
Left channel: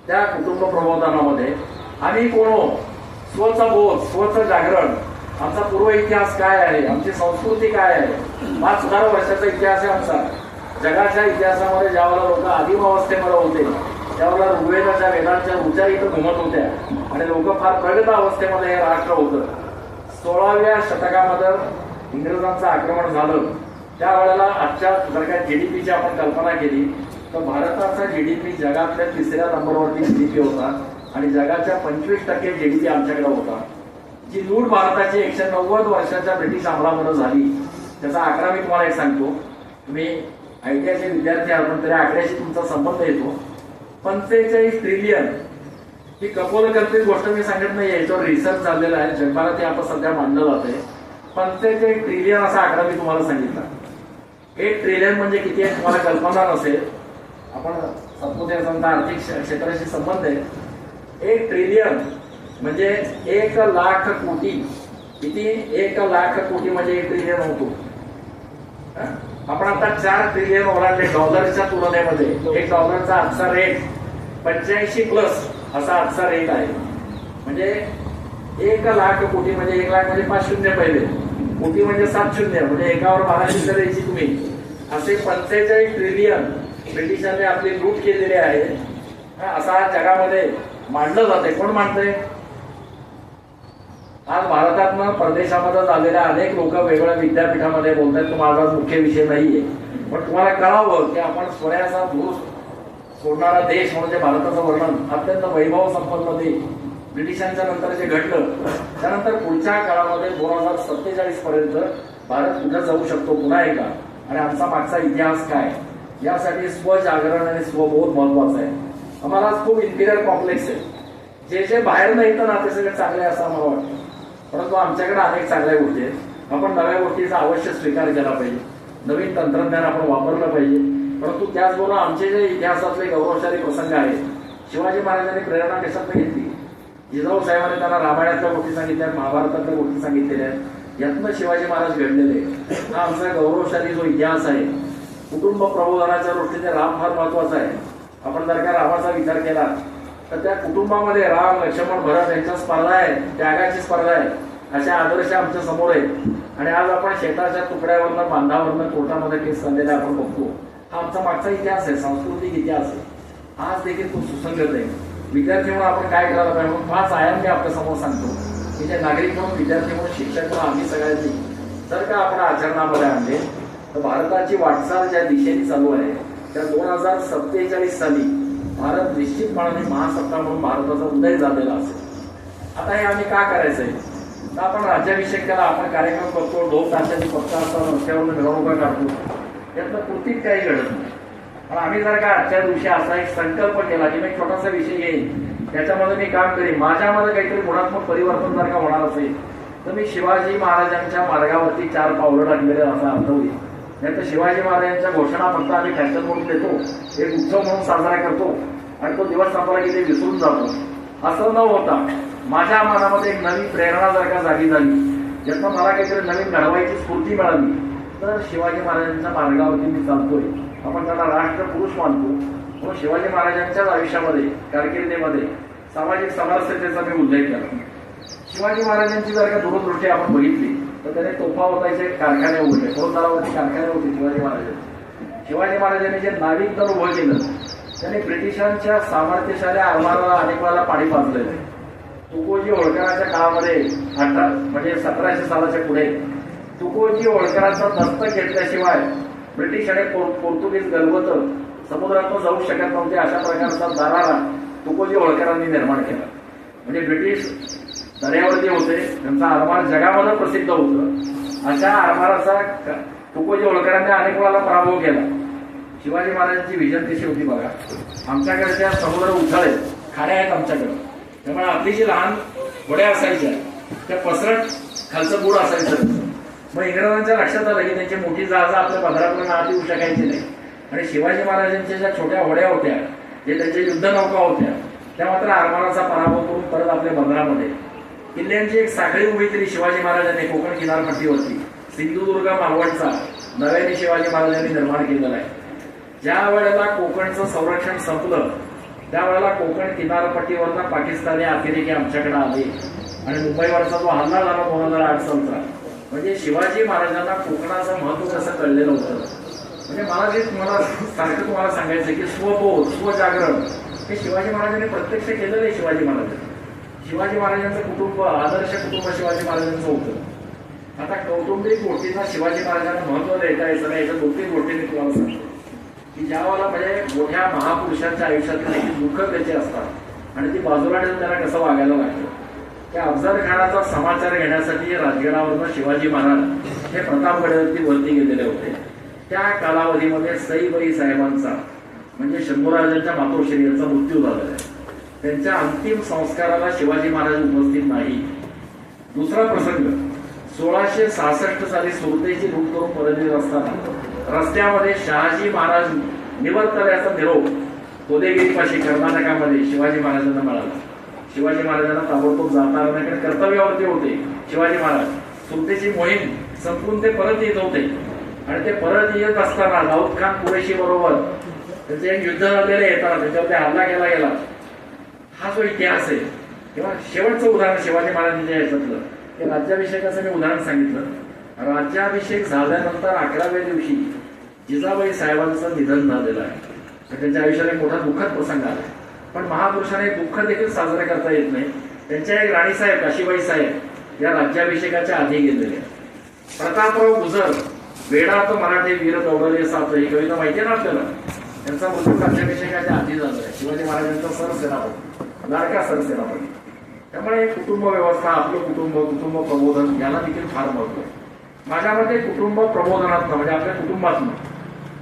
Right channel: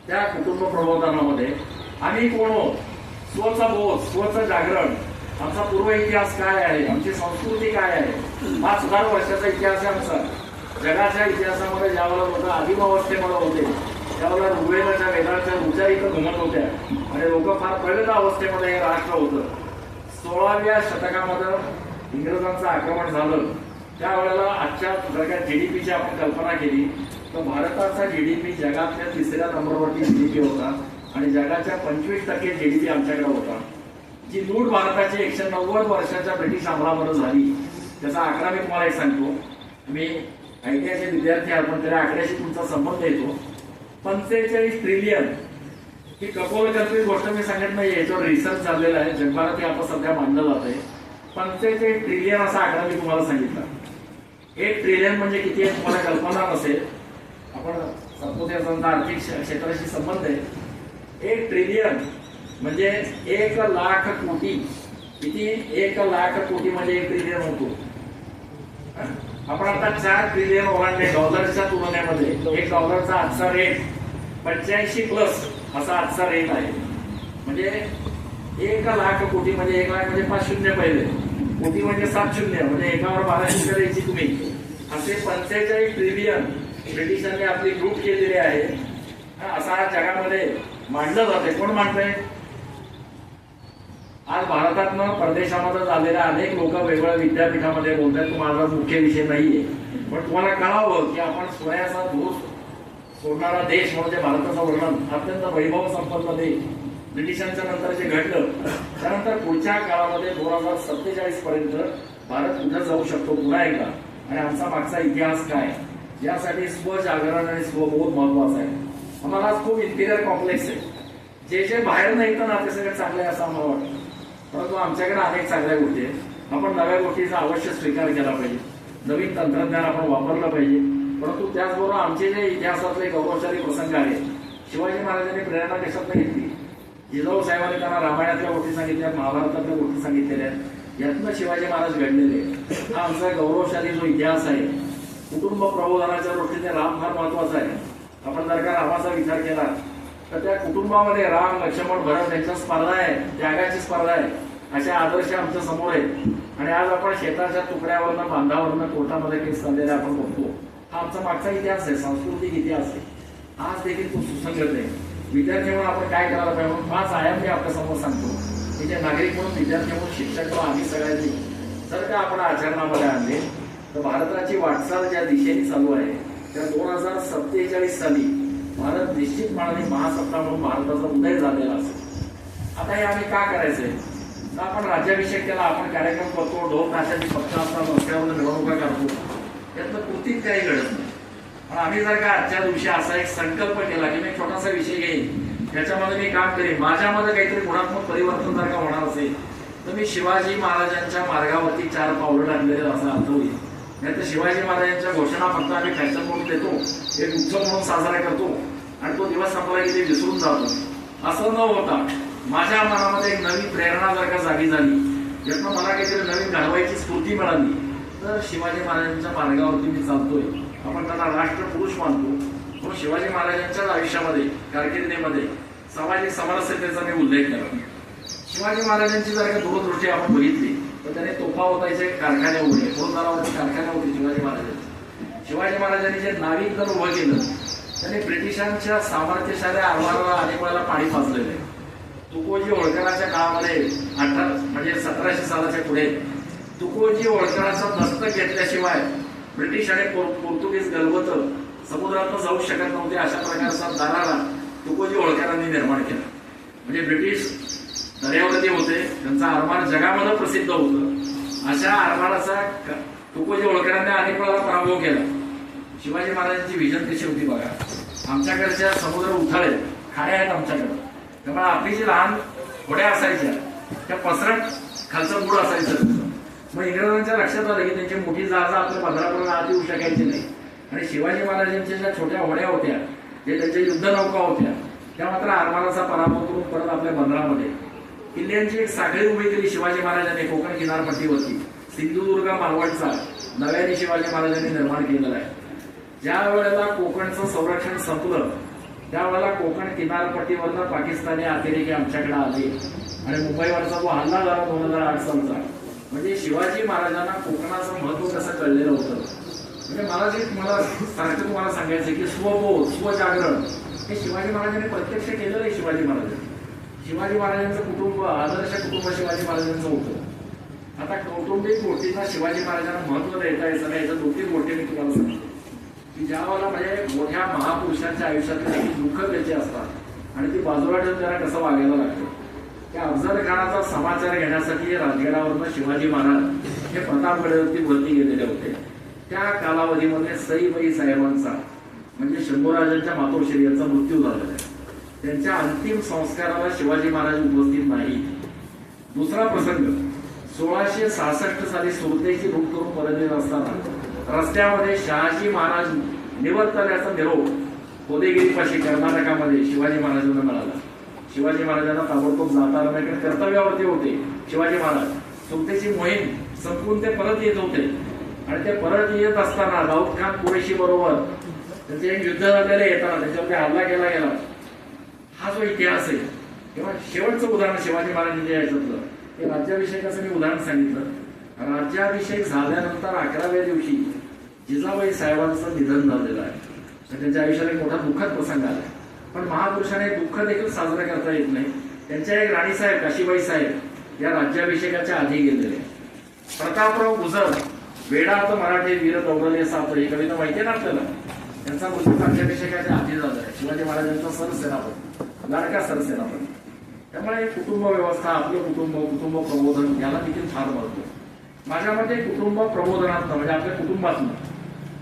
त्या कुटुंब प्रबोधनामध्ये आम्ही कोण, स्वचा बोध, स्वचं जागरण, आमचा पूर्व इतिहास काय आहे, आमची संस्कृती काय आहे, 5,000 वर्षाचा इतिहास आहे आमचा. जगाच्या इतिहासामध्ये ज्यावेळेला लोक आदिम अवस्थेमध्ये होते, त्यावेळेला ऋग्वेदाच्या वेदांच्या ऊर्जा इथं घुमत होत्या आणि लोक फार प्रगत अवस्थेमध्ये हे राष्ट्र होतं. 16व्या शतकामध्ये इंग्रजांचं आक्रमण झालं. त्यावेळेला आजच्या जर का जीडीपीची आपण कल्पना केली तर भारताचा जीडीपी जगातल्या 3ऱ्या नंबरवरती जीडीपी होता आणि जगाच्या 25% जीडीपी आमच्याकडे होता. जी लूट भारताची 190 वर्षाच्या ब्रिटिश अंमलामध्ये झाली, त्याचा आकडा मी तुम्हाला एक सांगतो. तुम्ही आयटीआयचे विद्यार्थी आहात पण तरी आकड्याशी तुमचा संबंध येतो. 45 ट्रिलियन ही कपोलकल्पित गोष्ट मी सांगत नाही, याच्यावर रिसर्च झालेला आहे, जगभरात आता सध्या मानलं जात आहे. 45 ट्रिलियन असा आकडा मी तुम्हाला सांगितला. 1 ट्रिलियन म्हणजे किती आहे तुम्हाला कल्पना नसेल. आपण सत्पुरुषांचा आर्थिक क्षेत्राशी संबंध आहे. 1 ट्रिलियन म्हणजे 1,00,000 कोटी. किती? 1,00,000 कोटी म्हणजे 1 ट्रिलियन होतो. आपण आता 4 ट्रिलियन ओलांडले डॉलरच्या तुलनेमध्ये. $1चा आजचा रेट 85+ असा आजचा रेट आहे. म्हणजे 1,00,000 कोटी म्हणजे 1,00,000 म्हणजे 5 शून्य पहिले, कोटी म्हणजे 7 शून्य, म्हणजे एकावर 12 शून्य द्यायची तुम्ही. असे 45 ट्रिलियन ब्रिटिशांनी आपली लूट केलेली आहे. असा जगामध्ये मांडलं जाते. कोण मांडतंय? आज भारतातनं परदेशामध्ये झालेल्या अनेक लोक वेगवेगळ्या विद्यापीठामध्ये बोलतात. तो माझा मुख्य विषय नाहीये, पण तुम्हाला कळावं की आपण सोन्याचा धूर सोडणारा देश म्हणजे भारताचं वर्णन अत्यंत वैभव संपन्न देश ब्रिटिशांच्या नंतर जे घडलं, त्यानंतर पुढच्या काळामध्ये 2047 पर्यंत भारत कुठे जाऊ शकतो पुन्हा एकदा, आणि आमचा मागचा इतिहास काय, यासाठी स्वजागरण आणि स्वबोध महत्वाचा आहे. आम्हाला खूप इंटिरियर कॉम्प्लेक्स आहे. जे बाहेर नाही तर ना ते सगळं चांगलं आहे असं आम्हाला वाटतं, परंतु आमच्याकडे अनेक चांगल्या गोष्टी आहेत. आपण नव्या गोष्टीचा अवश्य स्वीकार केला पाहिजे. नवीन तंत्रज्ञान आपण वापरलं पाहिजे. परंतु त्याचबरोबर आमचे जे इतिहासातले गौरवशाली प्रसंग आहेत, शिवाजी महाराजांनी प्रेरणा देशातनं घेतली. जिजाऊ साहेबांनी त्यांना रामायणातल्या गोष्टी सांगितल्या, महाभारतातल्या गोष्टी सांगितलेल्या, यातनं शिवाजी महाराज घडलेले. हा आमचा गौरवशाली जो इतिहास आहे, कुटुंब प्रबोधनाच्या दृष्टीने राम फार महत्वाचा आहे. आपण जर का रामाचा विचार केला तर त्या कुटुंबामध्ये राम, लक्ष्मण, भरत यांच्या स्पर्धा आहे, त्यागाची स्पर्धा आहे. असे आदर्श आमच्या समोर आहेत. आणि आज आपण शेताच्या तुकड्यावरनं, बांधावरनं, कोर्टामध्ये केस चाललेले आपण बघतो. हा आमचा मागचा इतिहास आहे, सांस्कृतिक इतिहास आहे. आज देखील तो सुसंगत आहे. विद्यार्थी म्हणून आपण काय करायला पाहिजे, 5 आयाम मी आपल्या समोर सांगतो. की जे नागरिक म्हणून, विद्यार्थी म्हणून, शिक्षक म्हणून आम्ही सगळ्यांनी जर का आपण आचरणामध्ये आणले तर भारताची वाटचाल ज्या दिशेने चालू आहे, त्या 2047 साली भारत निश्चितपणे महासत्ता म्हणून भारताचा उदय झालेला असेल. आता हे आम्ही का करायचंय, तर आपण राज्याभिषेक केला, आपण कार्यक्रम करतो, ढोल ताशाची पक्ष असतात, रस्त्यावर मिरवणुका काढतो, त्यातलं कृतीत काही घडत नाही. आम्ही जर का आजच्या दिवशी असा एक संकल्प केला की मी छोटासा विषय घेईन, त्याच्यामध्ये मी काम करेन, माझ्यामध्ये काहीतरी गुणात्मक परिवर्तन जर का होणार असेल तर मी शिवाजी महाराजांच्या मार्गावरती 4 पावलं टाकलेलं असा अर्थ होईल. नाही तर शिवाजी महाराजांच्या घोषणा फक्त आम्ही फॅशन म्हणून देतो, एक उत्सव म्हणून साजरा करतो आणि तो दिवस संपला की ते विसरून जातो. असं न होता माझ्या मनामध्ये एक नवीन प्रेरणा जर का जागी झाली, ज्यातनं मला काहीतरी नवीन घडवायची स्फूर्ती मिळाली, तर शिवाजी महाराजांच्या मार्गावरती मी चालतोय. आपण त्याला राष्ट्रपुरुष मानतो. तो शिवाजी महाराजांच्याच आयुष्यामध्ये, कारकिर्दीमध्ये सामाजिक समरसतेचा मी उल्लेख केला. शिवाजी महाराजांची जर का दूरदृष्टी आपण बघितली तर त्याने तोफा होतायचे कारखाने उघडले, पोरदारावरती कारखाने होते शिवाजी महाराजांचे. शिवाजी महाराजांनी जे नाविक दल उभं केलं त्याने ब्रिटिशांच्या सामर्थ्यशाली आरमाराला अनेक वेळेला पाणी पाजलेलं आहे. तुकोजी होळकरांच्या काळामध्ये 1700 सालाच्या पुढे तुकोजी होळकरांचा दस्तक घेतल्याशिवाय ब्रिटिश आणि पोर्तुगीज गलबत समुद्रात जाऊ शकत नव्हते. अशा प्रकारचा दरारा तुकोजी होळकरांनी निर्माण केला. म्हणजे ब्रिटिश दर्यावरती होते, त्यांचा आरमार जगामध्ये प्रसिद्ध होतं. अशा आरमाराचा तुकोजी होळकरांनी अनेक वेळाला पराभव केला. शिवाजी महाराजांची विजन कशी होती बघा. आमच्याकडच्या समुद्र उथळे खाड्या आहेत आमच्याकडे, त्यामुळे आपली जी लहान होड्या असायच्या त्या पसरट खालचं बुड असायचं. मग इंग्रजांच्या लक्षात आलं की त्यांची मोठी जहाजं आपल्या बंदरातून आत येऊ शकायची नाही. आणि शिवाजी महाराजांच्या ज्या छोट्या होड्या होत्या, ते त्यांच्या युद्धनौका होत्या, त्या मात्र आरमाराचा पराभव करून परत आपल्या बंदरामध्ये किल्ल्यांची एक साखळी उभी केली शिवाजी महाराजांनी कोकण किनारपट्टीवरती. सिंधुदुर्ग मालवणचा नव्याने शिवाजी महाराजांनी निर्माण केलेला आहे. ज्या वेळेला कोकणचं संरक्षण संपलं त्यावेळेला कोकण किनारपट्टीवरनं पाकिस्तानी अतिरेकी आमच्याकडे आले आणि मुंबईवरचा जो हल्ला झाला 2008 सालचा, म्हणजे शिवाजी महाराजांना कोकणाचं महत्व कसं कळलेलं होतं. म्हणजे मला जे सारखं तुम्हाला सांगायचं की स्वबोध स्वजागरण हे शिवाजी महाराजांनी प्रत्यक्ष केलेलं आहे. शिवाजी महाराजांचं कुटुंब आदर्श कुटुंब शिवाजी महाराजांचं होतं. आता कौटुंबिक गोष्टींना शिवाजी महाराजांना महत्व देता यायचं नाही. याच्या 2-3 गोष्टी मी तुम्हाला सांगतो की ज्यावेळेला म्हणजे मोठ्या महापुरुषांच्या आयुष्यातले दुःख त्याचे असतात आणि ती बाजूला ठेवून त्यांना कसं वागायला लागतं. त्या अफजल खानाचा समाचार घेण्यासाठी राजगडावरनं शिवाजी महाराज हे प्रतापगडावरती वरती गेलेले होते. त्या कालावधीमध्ये सईबाई साहेबांचा म्हणजे शंभूराजांच्या मातोश्री यांचा मृत्यू झालेला आहे. त्यांच्या अंतिम संस्काराला शिवाजी महाराज उपस्थित नाही. दुसरा प्रसंग 1666 साली सुरतेची लूट करून परत येत असताना रस्त्यामध्ये शहाजी महाराज निवर्तले याचा निरोप कोदेगिरीपाशी कर्नाटकामध्ये शिवाजी महाराजांना मिळाला. शिवाजी महाराजांना ताबडतोब जाता आलं, कर्तव्यावरती होते. शिवाजी महाराज सुरतेची मोहीम संपून ते परत येत होते आणि ते परत येत असताना दाऊद खान कुरेशी बरोबर त्यांचे एक युद्ध झालेले येतात, त्याच्यावरती हल्ला केला गेला. हा जो इतिहास आहे तेव्हा शेवटचं उदाहरण शिवाजी महाराजांच्या याच्यातलं हे राज्याभिषेकाचं मी उदाहरण सांगितलं. राज्याभिषेक झाल्यानंतर 11व्या दिवशी जिजाबाई साहेबांचं निधन झालेलं आहे. त्यांच्या आयुष्यात एक मोठा दुःखद प्रसंग आला. पण महापुरुषाने दुःख देखील साजरा करता येत नाही. त्यांच्या एक राणीसाहेब काशीबाई साहेब या राज्याभिषेकाच्या आधी गेलेले. प्रतापराव गुजर वेडा तो मराठी वीर दौडले असं आपलं ही कविता माहिती आहे ना आपल्याला. त्यांचा मृत्यू राज्याभिषेकाच्या आधी झाला. शिवाजी महाराजांचा सरसेनापती, लाडका सरसेनापती. त्यामुळे कुटुंब व्यवस्था, आपलं कुटुंब प्रबोधन याला देखील फार महत्व आहे. माझ्या मते कुटुंब प्रबोधनातनं म्हणजे आपल्या कुटुंबातनं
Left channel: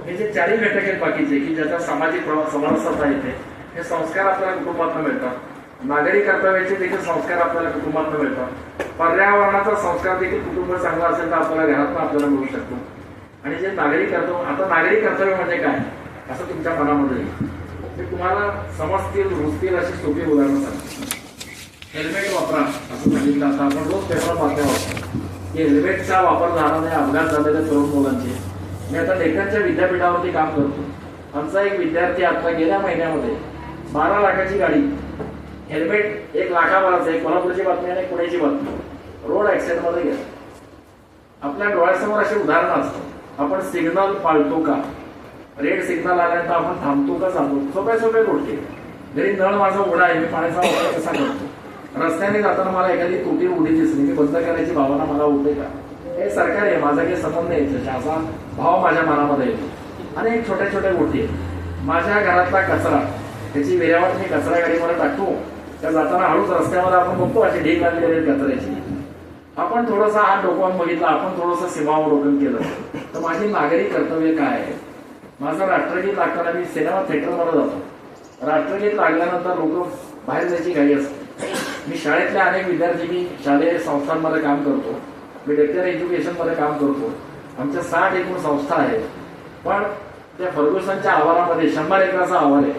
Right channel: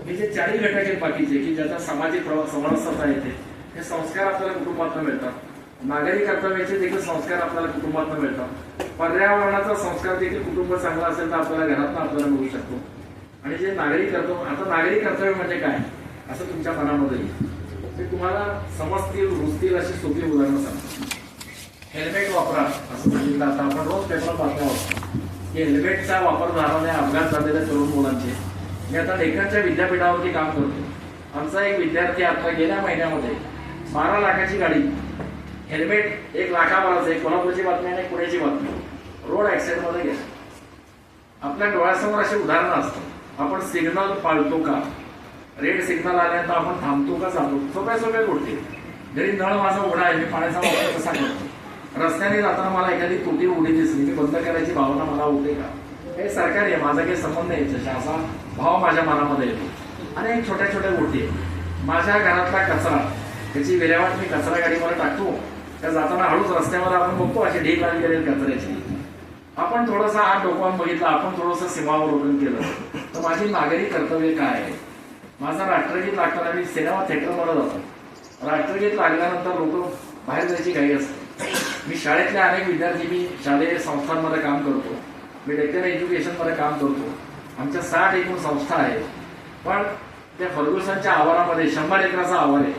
हे जे 4 घटक आहेत बाकीचे की ज्याचा सामाजिक समानता येते, हे संस्कार आपल्याला कुटुंबातनं मिळतात. नागरी कर्तव्याचे देखील संस्कार आपल्याला कुटुंबातनं मिळतात. पर्यावरणाचा संस्कार देखील कुटुंब चांगला असेल तर आपल्याला घरातनं आपल्याला मिळू शकतो. आणि जे नागरी कर्तव्य, आता नागरी कर्तव्य म्हणजे काय असं तुमच्या मनामध्ये ते तुम्हाला समजतील रुजतील अशी सोपी उदाहरणं सांगतो. हेल्मेट वापरा असं सांगितलं. आता आपण रोज पेपर बातम्या वापरतो की हेल्मेटचा वापर झाल्याने अपघात झालेल्या तरुण मुलांचे. मी आता डेक्कनच्या विद्यापीठावरती काम करतो. आमचा एक विद्यार्थी आता गेल्या महिन्यामध्ये 12 लाखाची गाडी, हेल्मेट 1 लाखावरच आहे. कोल्हापूरची बातमी आणि पुण्याची बातमी, रोड ऍक्सिडेंटमध्ये गेला. आपल्या डोळ्यासमोर असे उदाहरण असतं. आपण सिग्नल पाळतो का, रेड सिग्नल आल्यानंतर आपण थांबतो का जातो, सोप्या गोष्टी. घरी नळ माझा उघडा आहे, मी पाण्याचा वापर कसा करतो. रस्त्याने जाताना मला एखादी तुटी उडी दिसली, मी बंद करायची भावना मला होते का. हे सरकार आहे, माझा काही संबंध आहे याच्याशी असा भाव माझ्या मनामध्ये येतो. आणि एक छोट्या गोष्टी आहेत. माझ्या घरातला कचरा त्याची विल्हेवाट मी कचरा गाडीमध्ये टाकतो. त्या जाताना हळूच रस्त्यामध्ये आपण बघतो अशी ढीक आली करेल कचऱ्याची. आपण थोडासा हात डोकावून बघितला, आपण थोडंसं सीमावलोकन केलं तर माझी नागरी कर्तव्य काय आहे. माझं राष्ट्रगीत लागताना मी सिनेमा थिएटरमध्ये जातो. राष्ट्रगीत लागल्यानंतर लोक बाहेर जायची घाई असते. मी शाळेतले अनेक विद्यार्थी, मी शालेय संस्थांमध्ये काम करतो, मी डेक्कन एज्युकेशनमध्ये काम करतो. आमच्या 60 एकूण संस्था आहेत. पण त्या फर्ग्युसनच्या आवारामध्ये 100 एकराचा आवार आहे.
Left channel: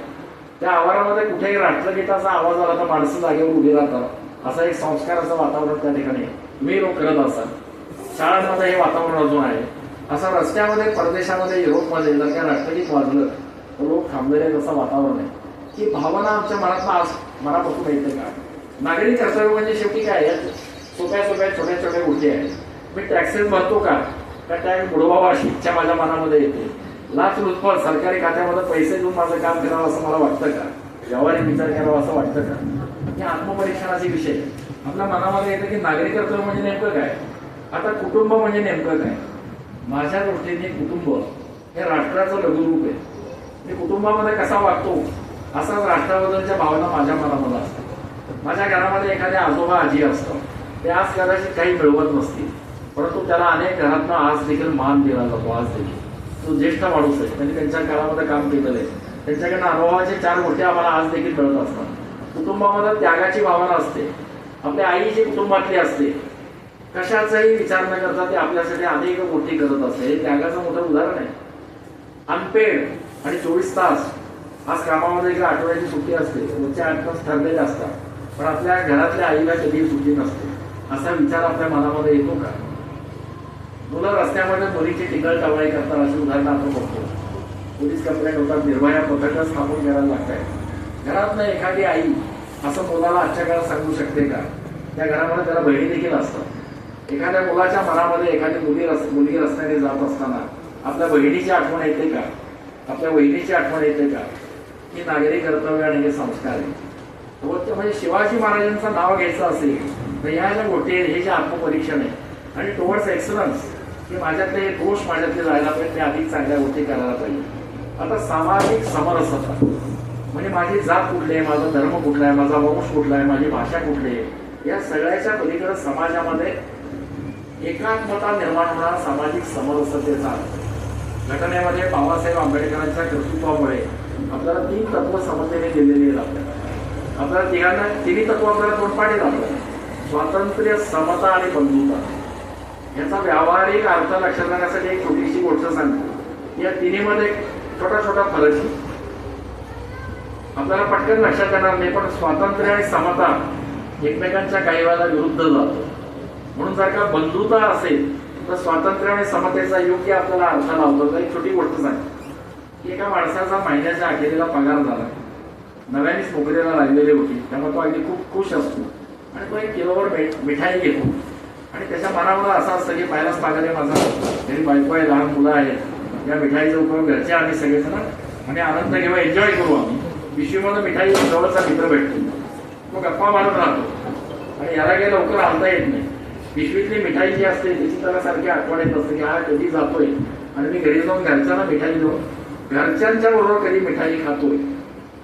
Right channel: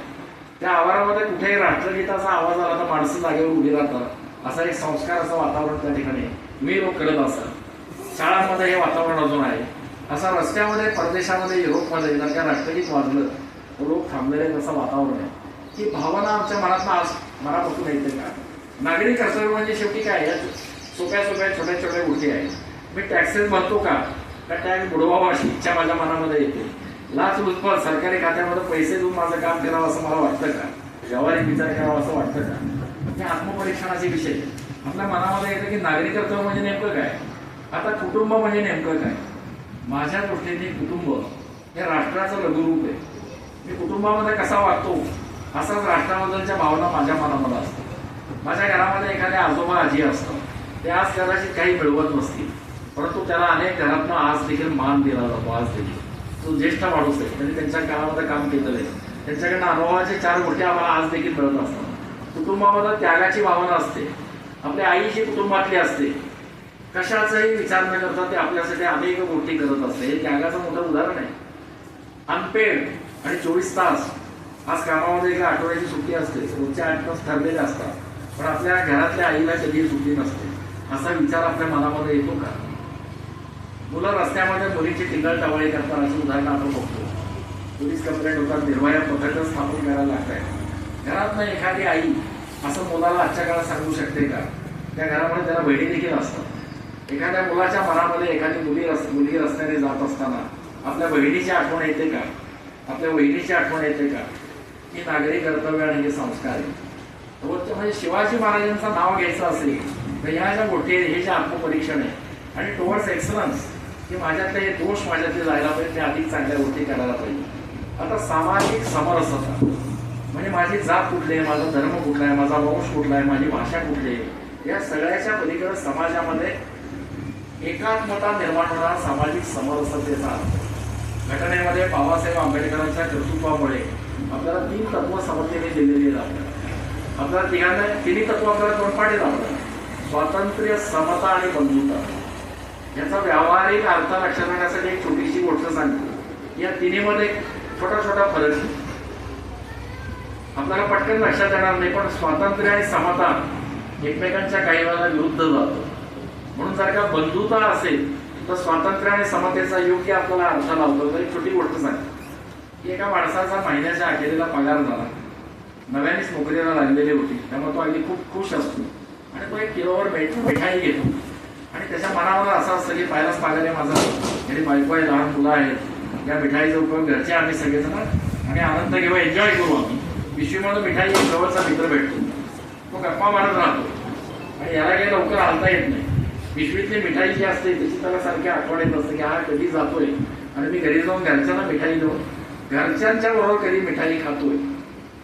त्या आवारामध्ये कुठेही राष्ट्रगीताचा आवाज आला तर माणसं जागेवर उभी राहतात. असा एक संस्काराचं वातावरण त्या ठिकाणी मी लोक करत असतात. शाळांमध्ये हे वातावरण अजून आहे. असं रस्त्यामध्ये परदेशामध्ये युरोपमध्ये जर त्या राष्ट्रगीत वाजलं तर लोक थांबलेले असं वातावरण आहे. की भावना आमच्या मनापासून येते का. नागरी कर्तव्य म्हणजे शेवटी काय, सोप्या छोट्या गोष्टी आहेत. मी टॅक्सेस भरतो का, त्या टाइम बुडवावा अशी इच्छा माझ्या मनामध्ये येते. लाचलुचपत सरकारी खात्यामध्ये पैसे देऊन माझं काम करावं असं मला वाटतं का? व्यावहारिक विचार करावा असं वाटतं का? हे आत्मपरीक्षणाचे विषय आपल्या मनामध्ये येतं की नागरिकत्व म्हणजे नेमकं काय, आता कुटुंब म्हणजे नेमकं काय. माझ्या दृष्टीने कुटुंब हे राष्ट्राचं लघुरूप आहे. मी कुटुंबामध्ये कसा वागतो असाच राष्ट्राबद्दलच्या भावना माझ्या मनामध्ये असतात. माझ्या घरामध्ये एखादे आजोबा आजी असतात, ते आज कदाचित काही मिळवत नसतील, परंतु त्याला अनेक घरातनं आज देखील मान दिला जातो. आज देखील तो ज्येष्ठ माणूस आहे, त्यांनी त्यांच्या काळामध्ये काम केलेलं आहे, त्यांच्याकडनं अनुभवाचे 4 गोष्टी आम्हाला आज देखील मिळत असतात. कुटुंबामध्ये त्यागाची भावना असते. आपल्या आई जी कुटुंबातली असते, कशाचाही विचार न करता ते आपल्यासाठी अनेक गोष्टी करत असते. हे त्यागाचं मोठं उदाहरण आहे. अनपेड आणि 24 तास आज कामामध्ये एक आठवड्याची सुट्टी असते, रोजच्या 8 तास ठरलेले असतात, पण आपल्या घरातल्या आईला कधी सुट्टी नसते. असा विचार आपल्या मनामध्ये येतो का? मुलं रस्त्यामध्ये मुलीची टिकल-टवाळी करतात अशी उदाहरणं आपण बघतो. पोलीस कंप्लेंट होतात, निर्भया पथकं स्थापन करायला लागतात. घरातनं एखादी आई असं मुलाला आजच्या काळात सांगू शकते का? त्या घरामध्ये त्याला बहिणी देखील असतात. एखाद्या मुलाच्या मनामध्ये एखादी मुलगी रस्त्याने जात असताना आपल्या बहिणीची आठवण येते का? आपल्या बहिणीची आठवण येते का? ही नागरी कर्तव्य आणि हे संस्कार आहे. म्हणजे शिवाजी महाराजांचं नाव घ्यायचं असेल तर ह्या ज्या गोष्टी आहेत, हे जे आत्मपरीक्षण आहे आणि टुवर्ड्स एक्सलन्स, की माझ्यातले दोष माझ्यातले जायला पाहिजे, ते अधिक चांगल्या गोष्टी करायला पाहिजे. आता सामाजिक समरसता म्हणजे माझी जात कुठली आहे, माझा धर्म कुठला आहे, माझा वंश कुठला आहे, माझी भाषा कुठली आहे, या सगळ्याच्या पलीकडे समाजामध्ये एकात्मता निर्माण होणार सामाजिक समरसतेचा. घटनेमध्ये बाबासाहेब आंबेडकरांच्या कर्तृत्वामुळे आपल्याला 3 तत्व समजलेली दिलेली आहेत. आपल्याला तिन्ही तत्व आपल्याला तोंडपाठी लागतात: स्वातंत्र्य, समता आणि बंधुता. याचा व्यावहारिक अर्थ लक्षात आणण्यासाठी एक छोटीशी गोष्ट सांगतो. या तिन्हीमध्ये छोटा छोटा फरक आहे, आपल्याला पटकन लक्षात येणार नाही, पण स्वातंत्र्य आणि समता एकमेकांच्या काही वेळेला विरुद्ध जातं. म्हणून जर का बंधुता असेल तर स्वातंत्र्य आणि समतेचा योग्य आपल्याला अर्थ लावतो. तर एक छोटी गोष्ट सांगतो की एका माणसाचा महिन्याच्या अखेरीला पगार झाला, नव्यानेच नोकरीला लागलेली होती, त्यामुळे तो अगदी खूप खुश असतो आणि तो 1 किलोवर मिठाई घेतो आणि त्याच्या मनावर असं असतं की पहिलाच पगार आहे माझा, त्याची बायको आहे, लहान मुलं आहेत, या मिठाईचा उपयोग घरचे आम्ही सगळेजण आणि आनंद घेऊ, एन्जॉय करू. आम्ही पिशवीमध्ये मिठाई जवळचा मित्र भेटतो, तो गप्पा मारत राहतो आणि याला गेला लवकर हालता येत नाही. पिशवीतली मिठाई जी असते त्याची त्याला सारखी आठवण येत असते की हा कधी जातोय आणि मी घरी जाऊन घरच्यांना मिठाई देऊन घरच्यांच्या बरोबर कधी मिठाई खातोय.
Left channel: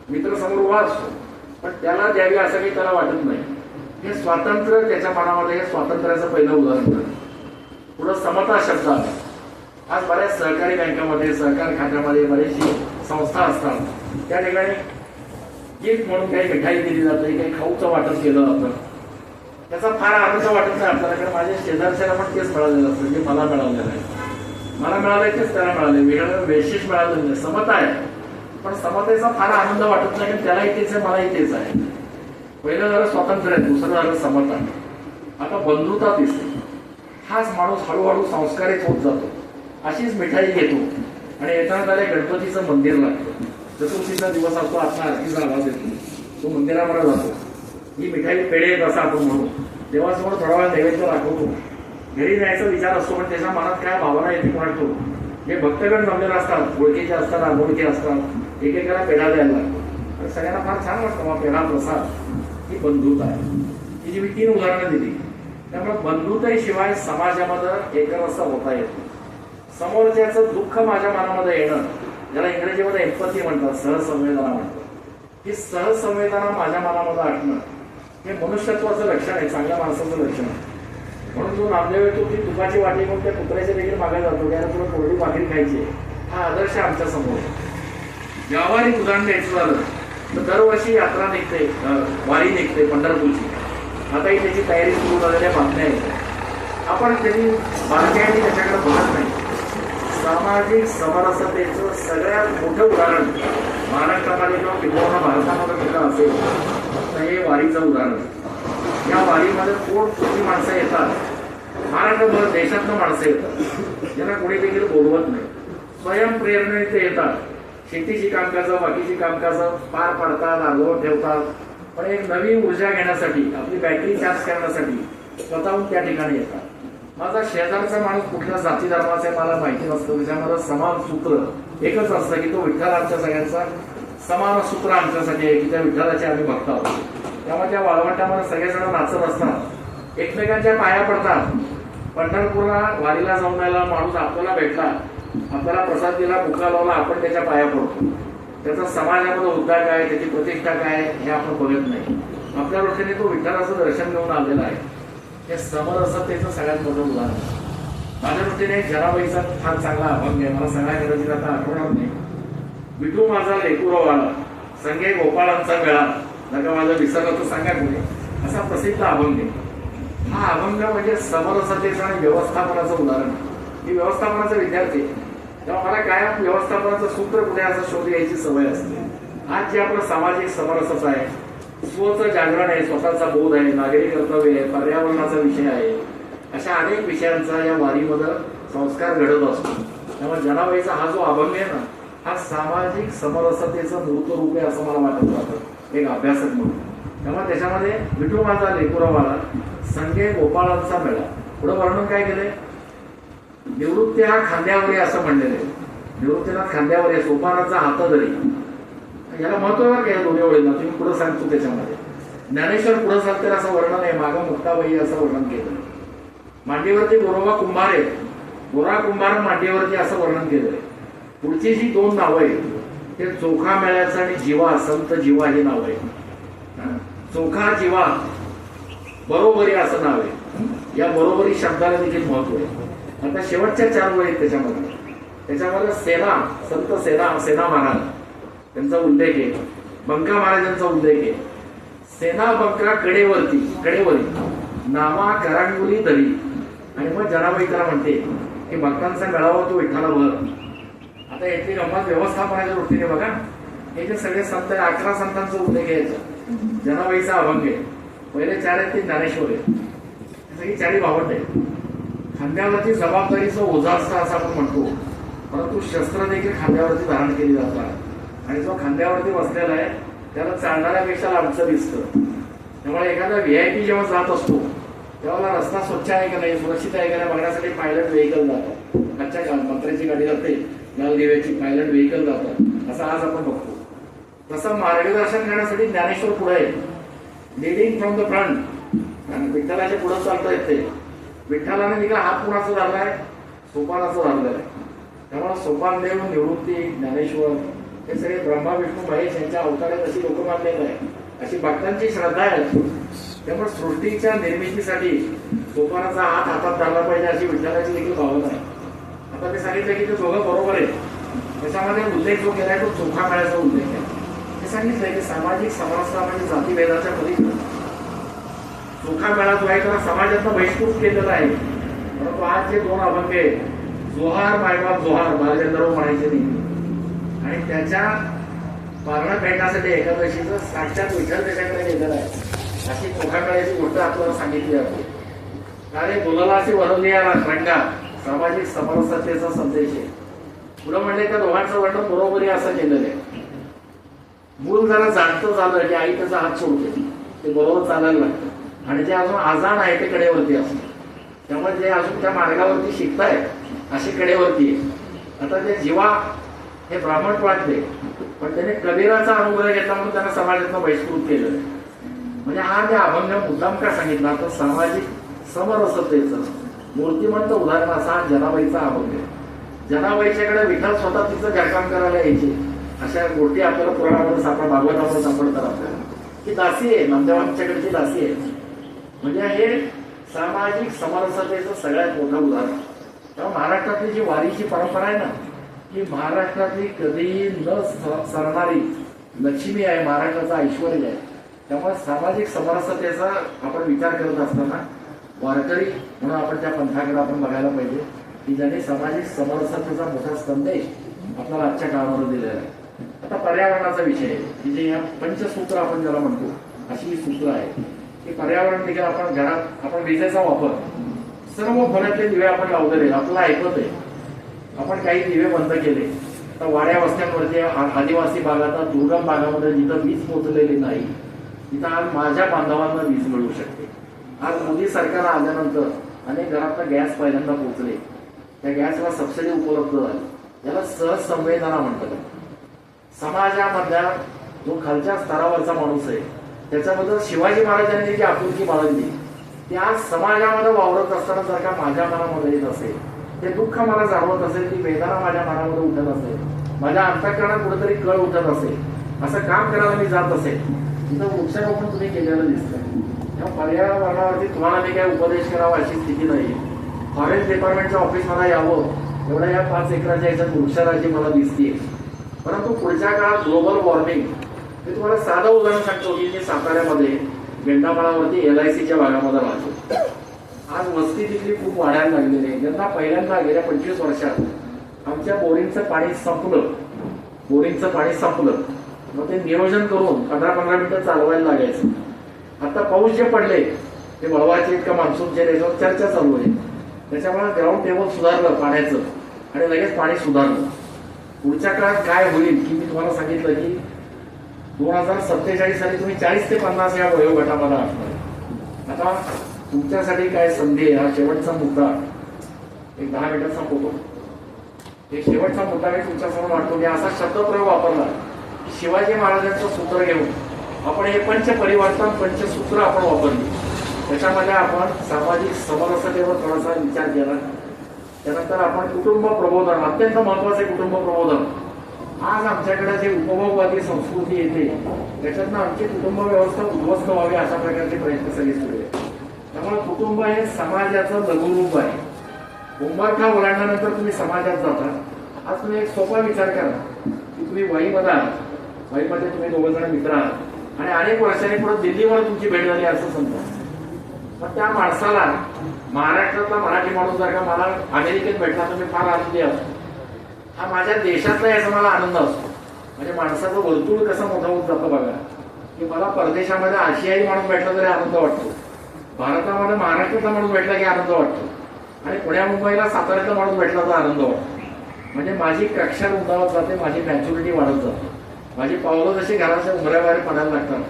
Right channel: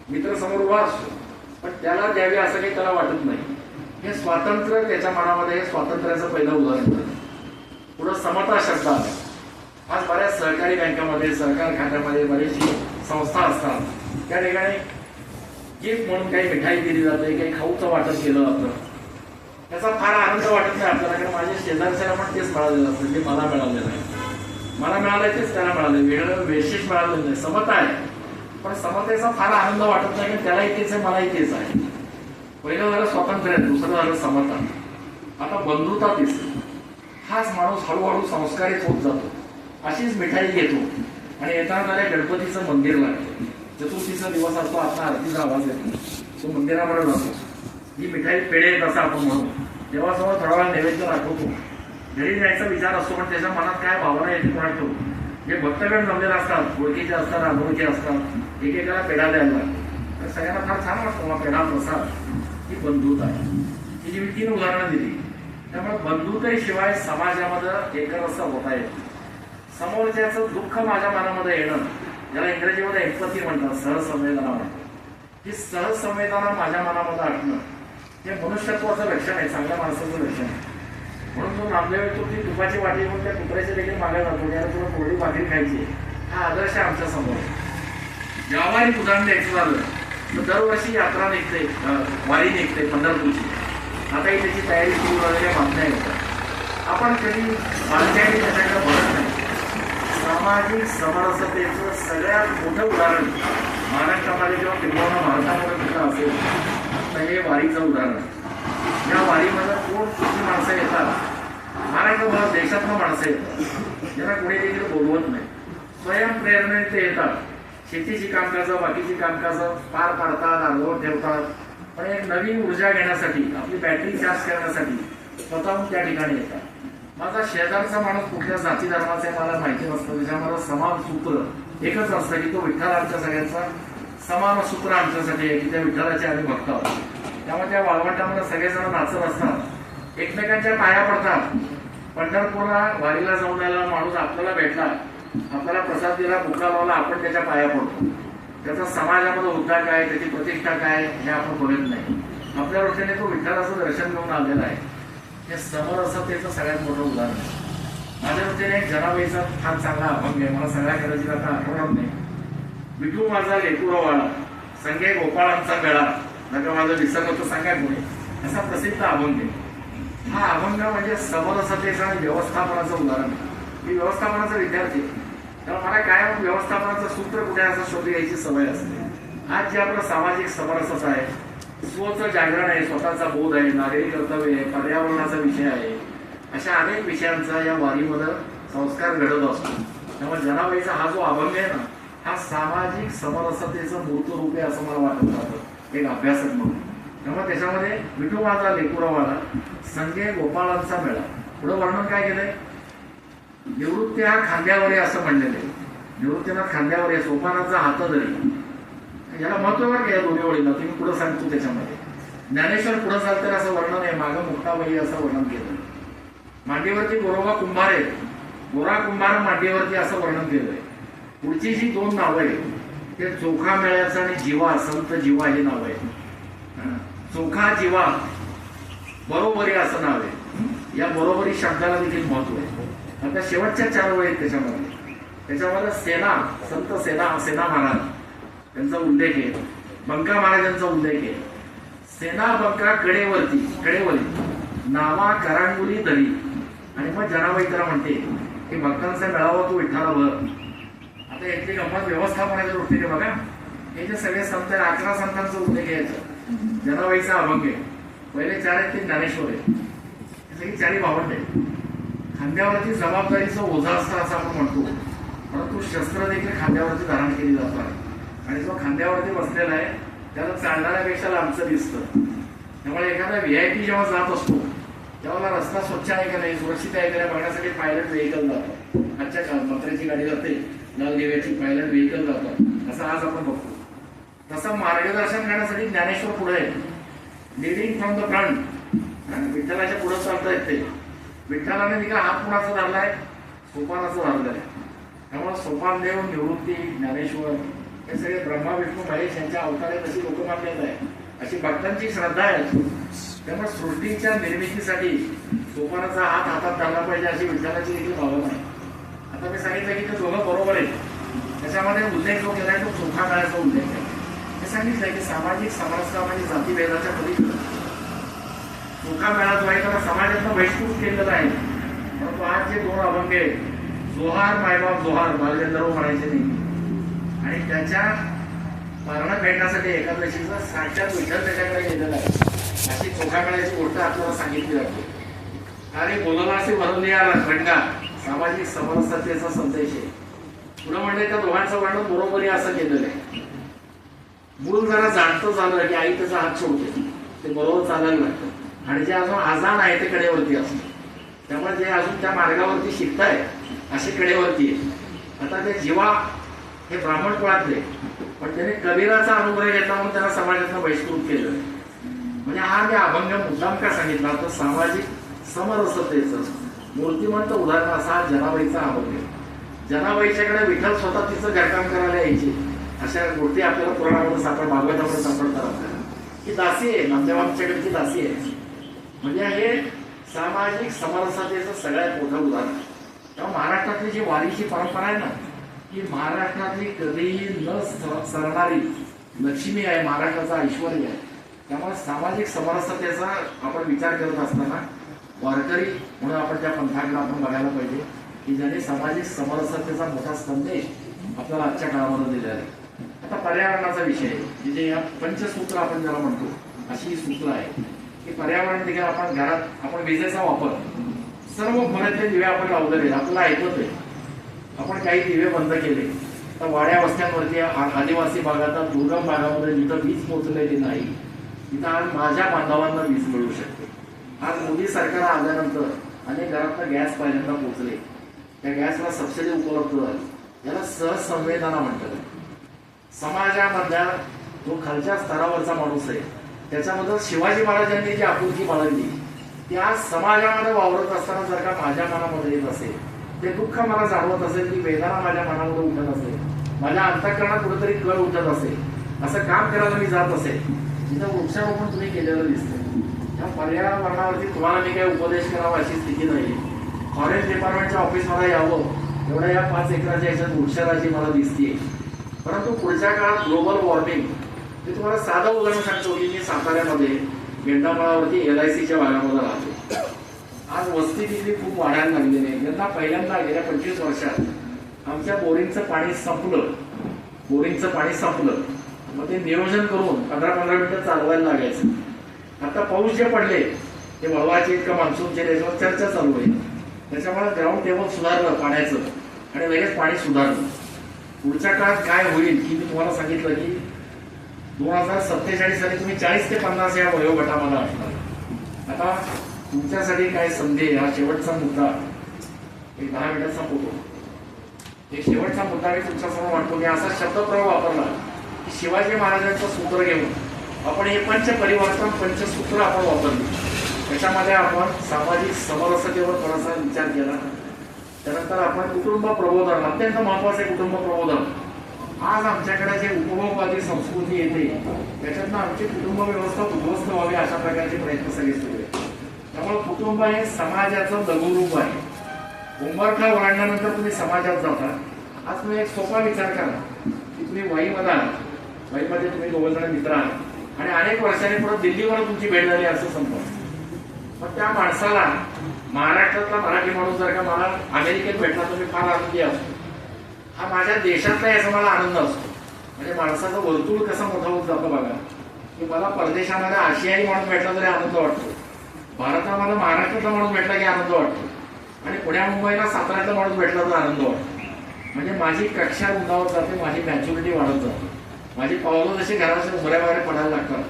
मित्र समोर उभा असतो पण त्याला द्यावी असं काही त्याला वाटत नाही. हे स्वातंत्र्य त्याच्या मनामध्ये, हे स्वातंत्र्याचं पहिलं उदाहरण आहे. पुढं समता शब्द आहे. आज बऱ्याच सहकारी बँकामध्ये, सहकार खात्यामध्ये बरेचशी संस्था असतात, त्या ठिकाणी गिफ्ट म्हणून काही मिठाई दिली जाते, काही खाऊचं वाटप केलं जातं. त्याचा फार आनंद वाटत नाही आपल्याला, कारण माझ्या शेजारच्याला पण तेच मिळालेलं असतं जे मला मिळालेलं आहे. मला मिळालंय तेच त्याला मिळाले, वेगळं विशेष मिळालं नाही. समता आहे पण समतेचा फार आनंद वाटत नाही, कारण त्यालाही तेच आहे, मलाही तेच आहे. पहिलं झालं स्वातंत्र्य आहे, दुसरं झालं समता. आता बंधुता दिसते. हाच माणूस हळूहळू संस्कारित होत जातो. अशीच मिठाई घेतो आणि येताना त्याला गणपतीचं मंदिर लागतं. चतुर्थीचा दिवस असतो, आता आरतीचा आवाज येतो, तो मंदिरामध्ये जातो. ही मिठाई पेढे असं आपण म्हणू, देवासमोर थोडा वेळा नैवेद्य दाखवतो. घरी जायचा विचार असतो पण त्याच्या मनात काय भावना येते कोणातो. जे भक्तगण जमलेले असतात, ओळखीचे असतात, अनोळखी असतात, एकेकाला पेढा द्यायला लागतो. तर सगळ्यांना फार छान वाटतो पेढा प्रसाद. ही बंधुता आहे. ही जी मी 3 उदाहरणं दिली, त्यामुळे बंधुतेशिवाय समाजामध्ये एकरस होता येतो. समोरच्याचं दुःख माझ्या मनामध्ये येणं, ज्याला इंग्रजीमध्ये एम्पथी म्हणतात, सहसंवेदना म्हणतात, ही सहसंवेदना माझ्या मनामध्ये असणं हे मनुष्यत्वाचं लक्षण आहे, चांगल्या माणसाचं लक्षण आहे. म्हणून जो नामदेव येतो ती तुपाची वाटी म्हणून त्या कुत्र्याचे देखील मागे जातो, त्याला थोडं कोरडी भाकरी खायची, हा आदर्श आहे आमच्या समोर. व्यावहारिक उदाहरण द्यायचं झालं तर दरवर्षी यात्रा निघते, वारी निघते पंढरपूरची. आताही त्याची तयारी सुरू झालेल्या बातम्या येतात. आपण कधी बातम्यांनी त्याच्याकडे बघत नाही. सामाजिक समरसतेचं सगळ्यात मोठं उदाहरण महाराष्ट्रामध्ये किंवा किंवा भारतामध्ये कुठं असेल तर हे वारीचं उदाहरण. या वारीमध्ये कोण किती माणसं येतात, महाराष्ट्रभर देशातनं माणसं येतात, ज्यांना कोणी देखील बोलवत नाही. स्वयंप्रेरणेने ते येतात, शेतीची कामकाजं, बाकीची कामकाजं पार पाडतात, अर्धवट ठेवतात, पण एक नवीन ऊर्जा घेण्यासाठी, आपली बॅटरी चार्ज करण्यासाठी स्वतःहून त्या ठिकाणी येतात. माझा शेजारचा माणूस कुठल्या जाती धर्माचा आहे मला माहिती नसतं. त्याच्यामुळे समान सूत्र एकच असतं की तो विठ्ठल आमच्या सगळ्यांचा समान सूत्र आमच्यासाठी आहे की त्या विठ्ठलाचे आम्ही भक्त आहोत. त्यामुळे त्या वाळवंटामध्ये सगळेजण नाचत असतात, एकमेकांच्या पाया पडतात. पंढरपूरला वारीला जाऊन यायला माणूस आपल्याला भेटला, आपल्याला प्रसाद दिला, भुका लावला, आपण त्याच्या पाया पडतो. त्याचा समाजामध्ये उद्धार काय, त्याची प्रतिष्ठा काय हे आपण बघत नाही. आपल्या दृष्टीने तो विठ्ठलाचं दर्शन घेऊन आलेला आहे. हे समरसतेचं सगळ्यात मोठं उदाहरण आहे. माझ्या दृष्टीने एक जनाबाईचा फार चांगला अभंग आहे, मला सगळ्या कदाचित आता आठवणार नाही. विठू माझा लेकुरवाला संगे गोपाळांचा मेळा नका माझा विसरला तो सांगा कुठे, असा प्रसिद्ध अभंग आहे. हा अभंग म्हणजे समरसतेचं आणि व्यवस्थापनाचं उदाहरण आहे. मी व्यवस्थापनाचा विद्यार्थी आहे, तेव्हा मला काय व्यवस्थापनाचं सूत्र कुठे असं शोध घ्यायची सवय असते. आज जे आपलं सामाजिक समरसता आहे, स्वचं जागरण आहे, स्वतःचा बोध आहे, नागरिक कर्तव्य आहे, पर्यावरणाचा विषय आहे, अशा अनेक विषयांचा या वारीमध्ये संस्कार घडत असतो. त्यामुळे जनाबाईचा हा जो अभंग आहे ना, हा सामाजिक समरसतेचं मूर्त रूप आहे असं मला वाटत राहतं एक अभ्यासक म्हणून. तेव्हा त्याच्यामध्ये विठू माझा लेकुरवाला संगे गोपाळांचा मेळा, पुढे वर्णन काय केलंय, निवृत्ती हा खांद्यावर आहे असं म्हणलेलं आहे. निवृत्तीनाथ खांद्यावर आहे, सोपानाचा हात धरी, याला महत्व काय दोन्ही ओळींना तुम्ही पुढे सांगतो. त्याच्यामध्ये ज्ञानेश्वर पुढे चालते असं वर्णन आहे, मागं मुक्ताबाई असं वर्णन केलं. मांडीवरती गोरोबा कुंभार आहे, गोरा कुंभार मांडीवरती असं वर्णन केलंय. पुढची जी दोन नावं आहेत ते चोखा मेळ्याचं आणि जीवा, संत जीवा हे नाव आहे. चोखा जीवा बरोबरी असं नाव आहे. या बरोबरी शब्दाला देखील महत्व आहे. आता शेवटच्या 4 वळी त्याच्यामध्ये सेना, संत सेना महाराज त्यांचा उल्लेख आहे, बंका महाराजांचा उल्लेख आहे. सेना बंका कडेवरी नावा करांगुरी धरी. आणि मग जनाबाई त्याला म्हणते की भक्तांचा मेळावा तो विठ्ठला भर. आता याची गंमत व्यवस्थापनाच्या दृष्टीने बघा, हे जे सगळे संत 11 संतांचा उल्लेख यायचा जनाबाईचा अभंग आहे. पहिले 4 आहेत ते ज्ञानेश्वर आहे, सगळी 4ही भावंड आहे. खांद्यावरती जबाबदारीचं ओझा असतं असं आपण म्हणतो, परंतु शस्त्र देखील खांद्यावरती धारण केली जातात. आणि जो खांद्यावरती बसलेला आहे त्याला चालणाऱ्यापेक्षा लांबचं दिसतं. त्यामुळे एखादा VIP जेव्हा जात असतो तेव्हा रस्ता स्वच्छ आहे का नाही, सुरक्षित आहे का नाही बघण्यासाठी पायलट व्हेकल जातात. आजच्या काळात पत्र्याची गाडी जाते, लाल दिव्याची पायलट व्हेकल जातात, असं आज आपण बघतो. तसं मार्गदर्शन करण्यासाठी ज्ञानेश्वर पुढे आहे, लिडिंग फ्रॉम द फ्रंट. विठ्ठलाच्या पुढे चालता येते. विठ्ठलाने देखील हात कुणाचा धरलाय, सोपानाचा धरलेला आहे. त्यामुळे सोपान देव, निवृत्ती, ज्ञानेश्वर हे सगळे ब्रह्मा विष्णू महेश यांच्या अवतारात अशी लोक मानलेलं आहे, अशी भक्तांची श्रद्धा आहे. त्यामुळे सृष्टीच्या निर्मितीसाठी सोपानाचा हात हातात धरला पाहिजे अशी विठ्ठलाची देखील भावना आहे. आता मी सांगितलं की ते दोघं बरोबर आहे. त्याच्यामध्ये उल्लेख जो केलाय तो चोखा मेळ्याचा उल्लेख आहे. ते सांगितलंय की सामाजिक समरसता म्हणजे जातीभेदाच्या मध्ये चोखा मेळा जो आहे त्याला समाजातनं बहिष्कृत केलेला आहे. परंतु आज जे 2 अभंग आहेत, जोहार मायबाप जोहार बालगंधर्व म्हणायचे नेहमी, आणि त्याच्या पारणं भेटण्यासाठी एकादशीचं साक्षात विठ्ठल त्याच्याकडे गेलेला आहे अशी चोखा मेळ्याची गोष्ट आपल्याला सांगितली जाते. अरे बोलायला असे वरवली रंगा सामाजिक समरसतेचा संदेश आहे. पुढे म्हणजे त्या दोघांचं वर्णन बरोबरी असं केलेलं आहे. मूल जरा जाणतं झालं की आई त्याचा हात सोडते, ते बरोबर चालायला लागतं. आणि जे अजून आजान आहे ते कडेवरती असतं. त्यामुळे जे अजून त्या मार्गावरती शिकताय अशी कडेवरती आहे. आता ते जीवा हे ब्राह्मण कुळातले, पण त्याने कबीराचा अनुग्रह घेतला म्हणून त्यांना समाजातनं बहिष्कृत केलं. म्हणजे हा जे अभंग मुद्दाम का सांगितला तर सामाजिक समरसतेचं मूर्तिमंत उदाहरण असा हा जनाबाईचा अभंग आहे. जनाबाईच्याकडे विठ्ठल स्वतः तिचं घरकाम करायला यायचे अशा गोष्टी आपल्याला पुराणामध्ये सापडतात, भागवतामध्ये सापडतात आपल्याला. ही दासी आहे, नंदवांच्याकडची दासी आहे. म्हणजे हे सामाजिक समरसतेचं सगळ्यात मोठं उदाहरण. तेव्हा महाराष्ट्रातली जी वारीची परंपरा आहे ना, ही महाराष्ट्रातली कधीही न सरणारी लक्ष्मी आहे, महाराष्ट्राचा ऐश्वर्य आहे. त्यामुळे सामाजिक समरसतेचा आपण विचार करत असताना वारकरी म्हणून आपण त्या पंथाकडे आपण बघायला पाहिजे की ज्यांनी सामाजिक समरसतेचा मोठा संदेश आपल्याला आजच्या काळामध्ये दिलेला आहे. आता पर्यावरणाचा विषय आहे, म्हणजे या पंचसूत्र आपण ज्याला म्हणतो अशी ही सूत्र आहे की पर्यावरण देखील आपण घरात आपण विजेचा वापर सर्व खोल्यातले दिवे आपण लावलेले, आपल्याला ऐकत आहे. आपण काही दिवे बंद केले तर वाड्या वस्त्यांवरती आदिवासी भागात दुर्गम भागामध्ये जिथं वीज पोहोचलेली नाही तिथं आज माझ्या बांधवांना वीज मिळू शकते. आज मोदी सरकार आल्यानंतर आणि घरात गॅस पहिल्यांदा पोहोचले, त्या गॅसला सबसिडी उपलब्ध झाली. याला सहज संवेदना म्हणतात. समाजामधल्या जो खालच्या स्तरावरचा माणूस आहे त्याच्याबद्दल शिवाजी महाराजांनी जी आपुलकी बाळगली त्या समाजामध्ये वावरत असताना जर का माझ्या मनामध्ये येत असेल, ते दुःख मला जाणवत असेल, ती वेदना माझ्या मनामध्ये उठत असेल, माझ्या अंतःकरणात कुठेतरी कळ उठत असेल, असं काम करायला मी जात असेल, तिथं वृक्षारोपण तुम्ही केलेलं दिसतं. या पर्यावरणावरती तुम्हाला मी काही उपदेश करावा अशी स्थिती नाही. फॉरेस्ट डिपार्टमेंटच्या ऑफिसमध्ये यावं एवढ्या या 5 एकराच्या याच्यात वृक्षराजी मला दिसते. परंतु पुढच्या काळात ग्लोबल वॉर्मिंग, मी तुम्हाला साधं उदाहरण सांगतो की मी साताऱ्यामध्ये गेंडामाळावरती LICच्या भागामध्ये राहतो. आज वस्ती तिथली खूप वाढायला लागलेली आहे. त्यांना पहिल्यांदा गेल्या 25 वर्षात आमच्या बोरिंगचं पाणी संपलं. मग ते नियोजन करून 15-15 मिनिटं चालवायला लागायचं. आता पाऊस जे पडले ते वळवाचे इतकं मान्सूनचे त्याच्यावर चर्चा चालू आहे. त्याच्यामुळे ग्राउंड टेबल सुधारलं पाण्याचं आणि लगेच पाणी सुधारलं. पुढच्या काळात काय होईल की मी तुम्हाला सांगितलं की 2047 साली तुम्ही 40 ते 50 या वयोगटामध्ये असणार. आता तुमच्यासाठी काय संधी आहे, हा शेवटचा मुद्दा एक 10 मिनिटात संपवतो. एक शेवटचा मुद्दा मी तुमच्यासमोर वाटतो की असा शब्दप्रयोग वापरला की शिवाजी महाराजांचं सूत्र घेऊन आपण हे पंचपरिवर्तन पंचसूत्र आपण वापरली. त्याच्यामध्ये आपण सामाजिक समरसतेवर थोडासा विचार केला. त्यानंतर आपण कुटुंब प्रबोधन, अत्यंत महत्वाचे कुटुंब प्रबोधन. आज आमच्याकडे जे उपभोगवादी संस्कृती येते त्याच्यातनं आमची कुटुंब व्यवस्था उद्ध्वस्त व्हावी अशा प्रकारचे प्रयत्न सगळे सुरू आहेत. त्यामुळे कुटुंब हे समाजाचं लघुरूप आहे. उंबरठा ओलांडल्यानंतर तुम्ही समाजात जाता. आज तुम्ही एक सोपा विचार करा की तुम्ही वाईमध्ये आहात, वाईमध्ये तुम्ही 2 जण मित्र आहात आणि अनेक वर्षांनी पुढे दिल्लीवर तुमची भेट झाली असं समजा. मग त्या माणसाला महाराष्ट्रातला मराठी माणूस जर का मला अमेरिकेत भेटला तर मी फार आनंदी असतो. हा माझ्या देशातला याचा मला आनंद असतो. म्हणजे माणसाचं वर्तुळ कसं मोठं होत जातं बघा. की मला परदेशामध्ये आशियाई माणूस भेटला तरी आनंद वाटतो, भारतामध्ये महाराष्ट्रातला माणूस भेटला की आनंद वाटतो आणि पुण्या मुंबईला साताऱ्यातला माणूस भेटला तर आनंद वाटतो. म्हणजे माझी कक्षा रुंदावत जाते, माझी मॅच्युरिटी वाढत जाते, माझी पावलं जशी घराच्या उमऱ्याबाहेर पडायला लागतात.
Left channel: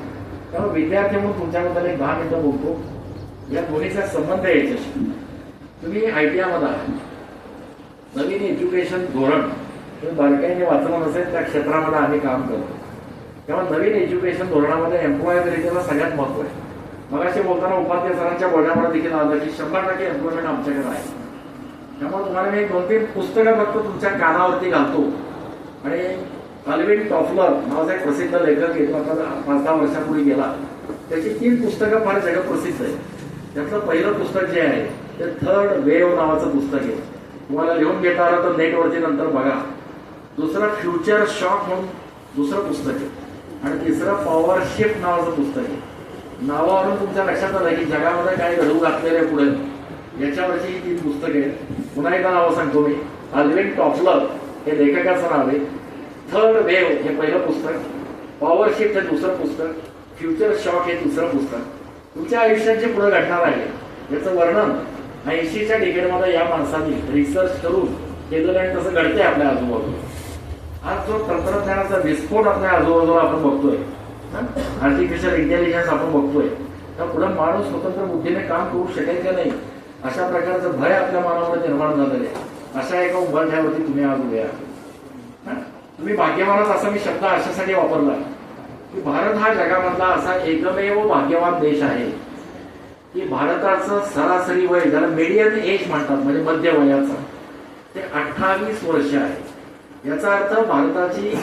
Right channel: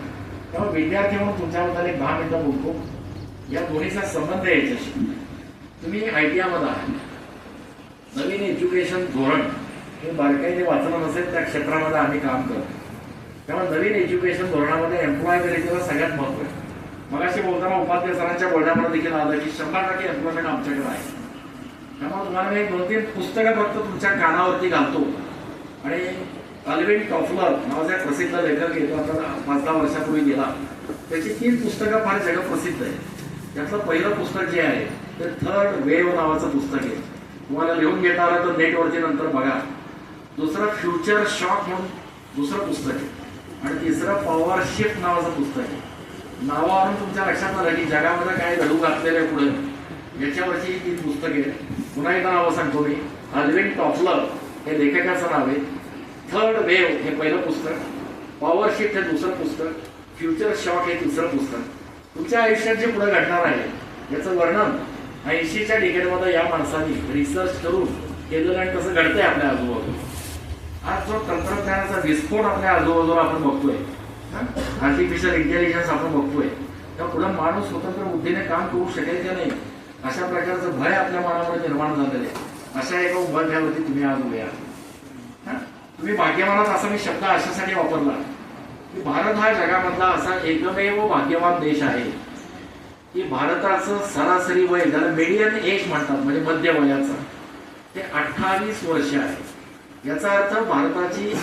त्यामुळे विद्यार्थी म्हणून तुमच्याबद्दल एक 10 मिनिटं बोलतो. या दोन्हीचा संबंध आहे याच्याशी. तुम्ही ITI मध्ये आहात, नवीन एज्युकेशन धोरण तुम्ही बारकाईने वाचलं नसेल त्या क्षेत्रामध्ये आम्ही काम करतो. त्यामुळे नवीन एज्युकेशन धोरणामध्ये एम्प्लॉयबिलिटीला सगळ्यात महत्व आहे. मगाशी बोलताना उपाध्याय सरांच्या बोलण्यामध्ये देखील आलं की 100% एम्प्लॉयमेंट आमच्याकडे आहे. त्यामुळे तुम्हाला मी 2-3 पुस्तकं फक्त तुमच्या कानावरती घालतो. आणि अल्विन टॉफलर नावाचा एक प्रसिद्ध लेखक येतो, आता 5-10 वर्षापूर्वी गेला. त्याची 3 पुस्तकं फार जगप्रसिद्ध आहे. त्यातलं पहिलं पुस्तक जे आहे ते थर्ड वेव्ह नावाचं पुस्तक आहे. तुम्हाला लिहून घेता आलं तर नेटवरती नंतर बघा. दुसरं फ्युचर शॉक म्हणून दुसरं पुस्तक आहे. आणि तिसरं पॉवर शिफ्ट नावाचं पुस्तक आहे. नावावरून तुमच्या लक्षात आलं की जगामध्ये काय घडू घातलेलं आहे पुढे याच्यावरची ही 3 पुस्तके. पुन्हा एकदा नाव सांगतो मी. अल्विन टॉफलर हे लेखकाचं नाव आहे. थर्ड वेव्ह हे पहिलं पुस्तक, पॉवर शिफ्ट हे दुसरं पुस्तक, फ्युचर शॉक हे तिसरं पुस्तक. तुमच्या आयुष्यात जे पुढे घडणार आहे याचं वर्णन 80च्या डिकेडमध्ये या माणसांनी रिसर्च करून केलेलं आणि कसं घडतंय आपल्या आजूबाजूला. आज जो तंत्रज्ञानाचा विस्फोट आपल्या आजूबाजूला आपण बघतोय, आर्टिफिशियल इंटेलिजन्स आपण बघतोय, त्या पुढे माणूस स्वतंत्र बुद्धीने काम करू शकेल की नाही अशा प्रकारचं भय आपल्या मानवामध्ये निर्माण झालेलं आहे. अशा एका उभारठ्यावरती तुम्ही आज उभे आहात. तुम्ही भाग्यवानात असा मी शब्द अशासाठी वापरला की भारत हा जगामधला असा एकमेव भाग्यवान देश आहे की भारताचं सरासरी वय, ज्याला मीडियन एज म्हणतात म्हणजे मध्य वयाचं, ते 28 वर्ष आहे. याचा अर्थ भारताची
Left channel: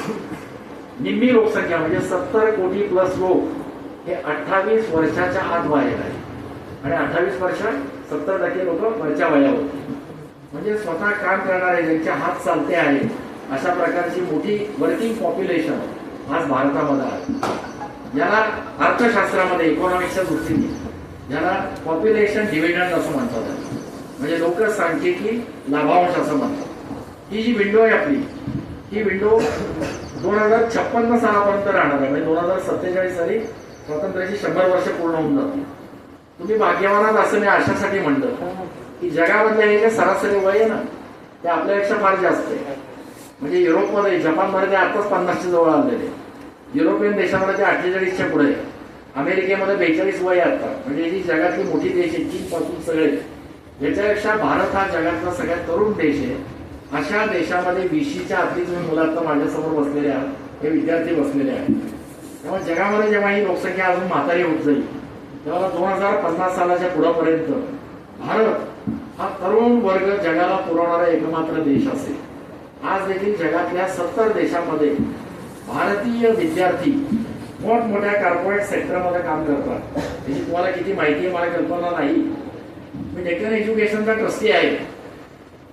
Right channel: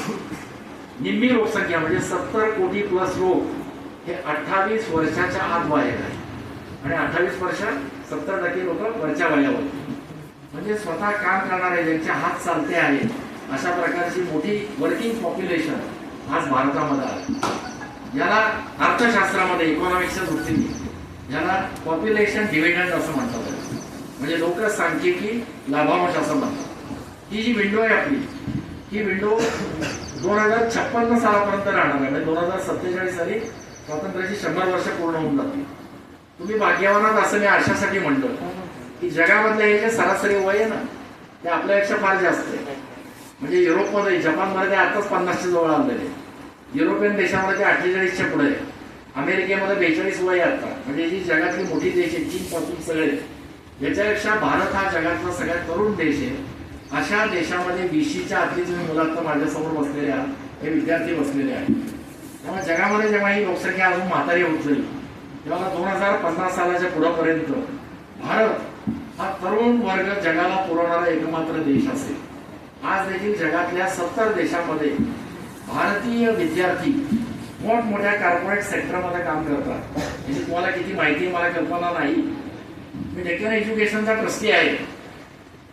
निम्मी लोकसंख्या म्हणजे 70 कोटी प्लस लोक हे 28 वर्षाच्या आत वय आहे. आणि 28 वर्ष 70% लोक वरच्या वयावर, म्हणजे स्वतः काम करणारे ज्यांचे हात चालते आहे अशा प्रकारची मोठी वर्किंग पॉप्युलेशन आज भारतामध्ये आहे. याला अर्थशास्त्रामध्ये इकॉनॉमिक्सच्या दृष्टीने याला पॉप्युलेशन डिव्हिडंड असं म्हणतात. म्हणजे लोकसांख्यिकी लाभांश असं म्हणतात. ही जी विंडो आहे आपली, ही विंडो 2056 सालापर्यंत राहणार आहे. म्हणजे 2047 साली स्वातंत्र्याची 100 वर्ष पूर्ण होऊन जातील. तुम्ही भाग्यवानात असं मी अशासाठी म्हणलं की जगामधल्या हे जे सरासरी वय आहे ना ते आपल्यापेक्षा फार जास्त आहे. म्हणजे युरोपमध्ये, जपानमध्ये ते आताच 50च्या जवळ आलेले, युरोपियन देशामध्ये ते 48च्या पुढे आहे, अमेरिकेमध्ये 42 वय आता. म्हणजे जी जगातली मोठी देश आहे चीन पासून सगळे याच्यापेक्षा भारत हा जगातला सगळ्यात तरुण देश आहे. अशा देशामध्ये 20च्या आतली तुम्ही मुलात माझ्यासमोर बसलेले आहात, हे विद्यार्थी बसलेले आहेत. तेव्हा जगामध्ये जेव्हा ही लोकसंख्या अजून म्हातारी होत जाईल तेव्हा 2050 सालाच्या पुढापर्यंत भारत हा तरुण वर्ग जगाला पुरवणारा एकमात्र देश असेल. आज देखील जगातल्या 70 देशांमध्ये भारतीय विद्यार्थी मोठमोठ्या कॉर्पोरेट सेक्टरमध्ये काम करतात. याची तुम्हाला किती माहिती आहे मला कल्पना नाही. मी डेक्कन एज्युकेशनचा ट्रस्टी आहे.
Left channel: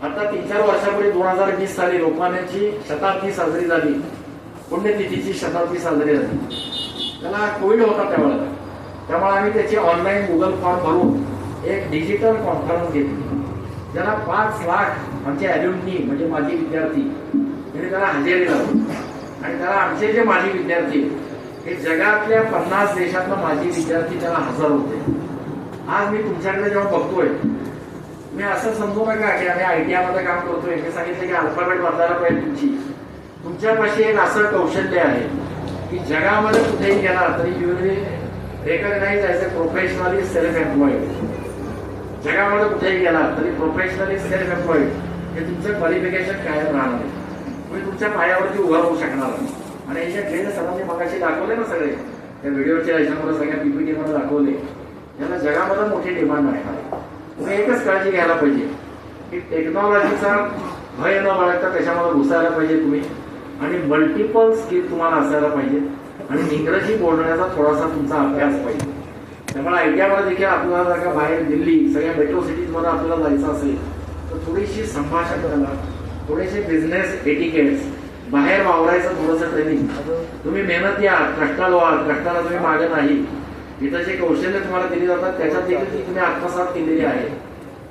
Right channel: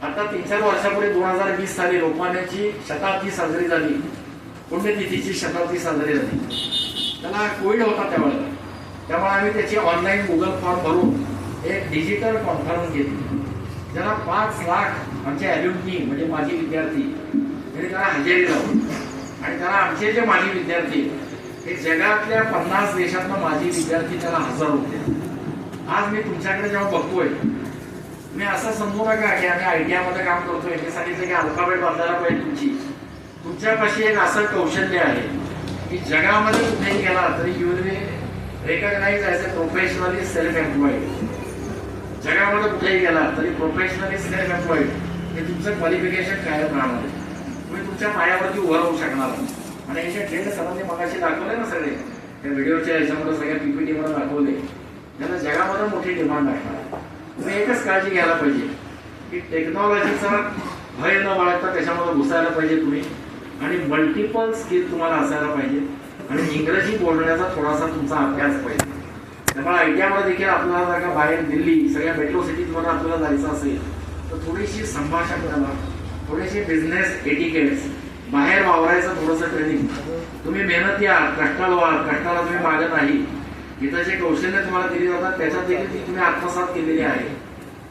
आता 3-4 वर्षापूर्वी 2020 साली लोकमान्यांची शताब्दी साजरी झाली, पुण्यतिथीची शताब्दी साजरी झाली. त्याला कोविड होता त्यावेळेला, त्यामुळे आम्ही त्याची ऑनलाईन गुगल फॉर्म भरून एक डिजिटल कॉन्फरन्स घेतली. ज्याला 5 लाख आमचे ॲल्युमनी म्हणजे माजी विद्यार्थी त्यांनी त्याला हजेरी लावली. आणि त्याला आमचे जे माजी विद्यार्थी हे जगातल्या 50 देशातला माजी विद्यार्थी त्याला हजर होते. आज मी तुमच्याकडे जेव्हा बघतोय मी असं समजू नका की आम्ही ITI मध्ये काम करतोय. मी सांगितलं की अल्फाबेट बदलायला पाहिजे. तुमच्यापाशी एक असं कौशल्य आहे की जगामध्ये कुठेही गेला तरी you will recognise as a professionally self employed. जगामध्ये कुठेही गेला तरी प्रोफेशनली सेल्फ एम्प्लॉईड हे तुमचं क्वालिफिकेशन कायम राहणार आहे. तुम्ही तुमच्या पायावरती उभं राहू शकणार. आणि याच्या जे सरांनी मगाशी दाखवले ना सगळे हे व्हिडिओच्या ह्याच्यामध्ये सगळ्या PPT मध्ये दाखवले, याला जगामध्ये मोठी डिमांड आहे. तुम्ही एकच काळजी घ्यायला पाहिजे की टेक्नॉलॉजीचा भय न बाळगता त्याच्यामध्ये घुसायला पाहिजे तुम्ही. आणि मल्टिपल स्किल तुम्हाला असायला पाहिजे. आणि इंग्रजी बोलण्याचा थोडासा तुमचा अभ्यास पाहिजे. त्यामुळे ITI मध्ये देखील आपल्याला जर का बाहेर दिल्ली सगळ्या मेट्रो सिटीजमध्ये आपल्याला जायचं असेल तर थोडीशी संभाषण करा, थोडेसे बिझनेस एटिकेट्स, बाहेर वावरायचं थोडंसं ट्रेनिंग. तुम्ही मेहनत या, कष्टाळू आहात, कष्टाला तुम्ही मागत नाही. इथं जे कौशल्य तुम्हाला दिली जातात त्याच्यात देखील ती तुम्ही आत्मसात केलेली आहे.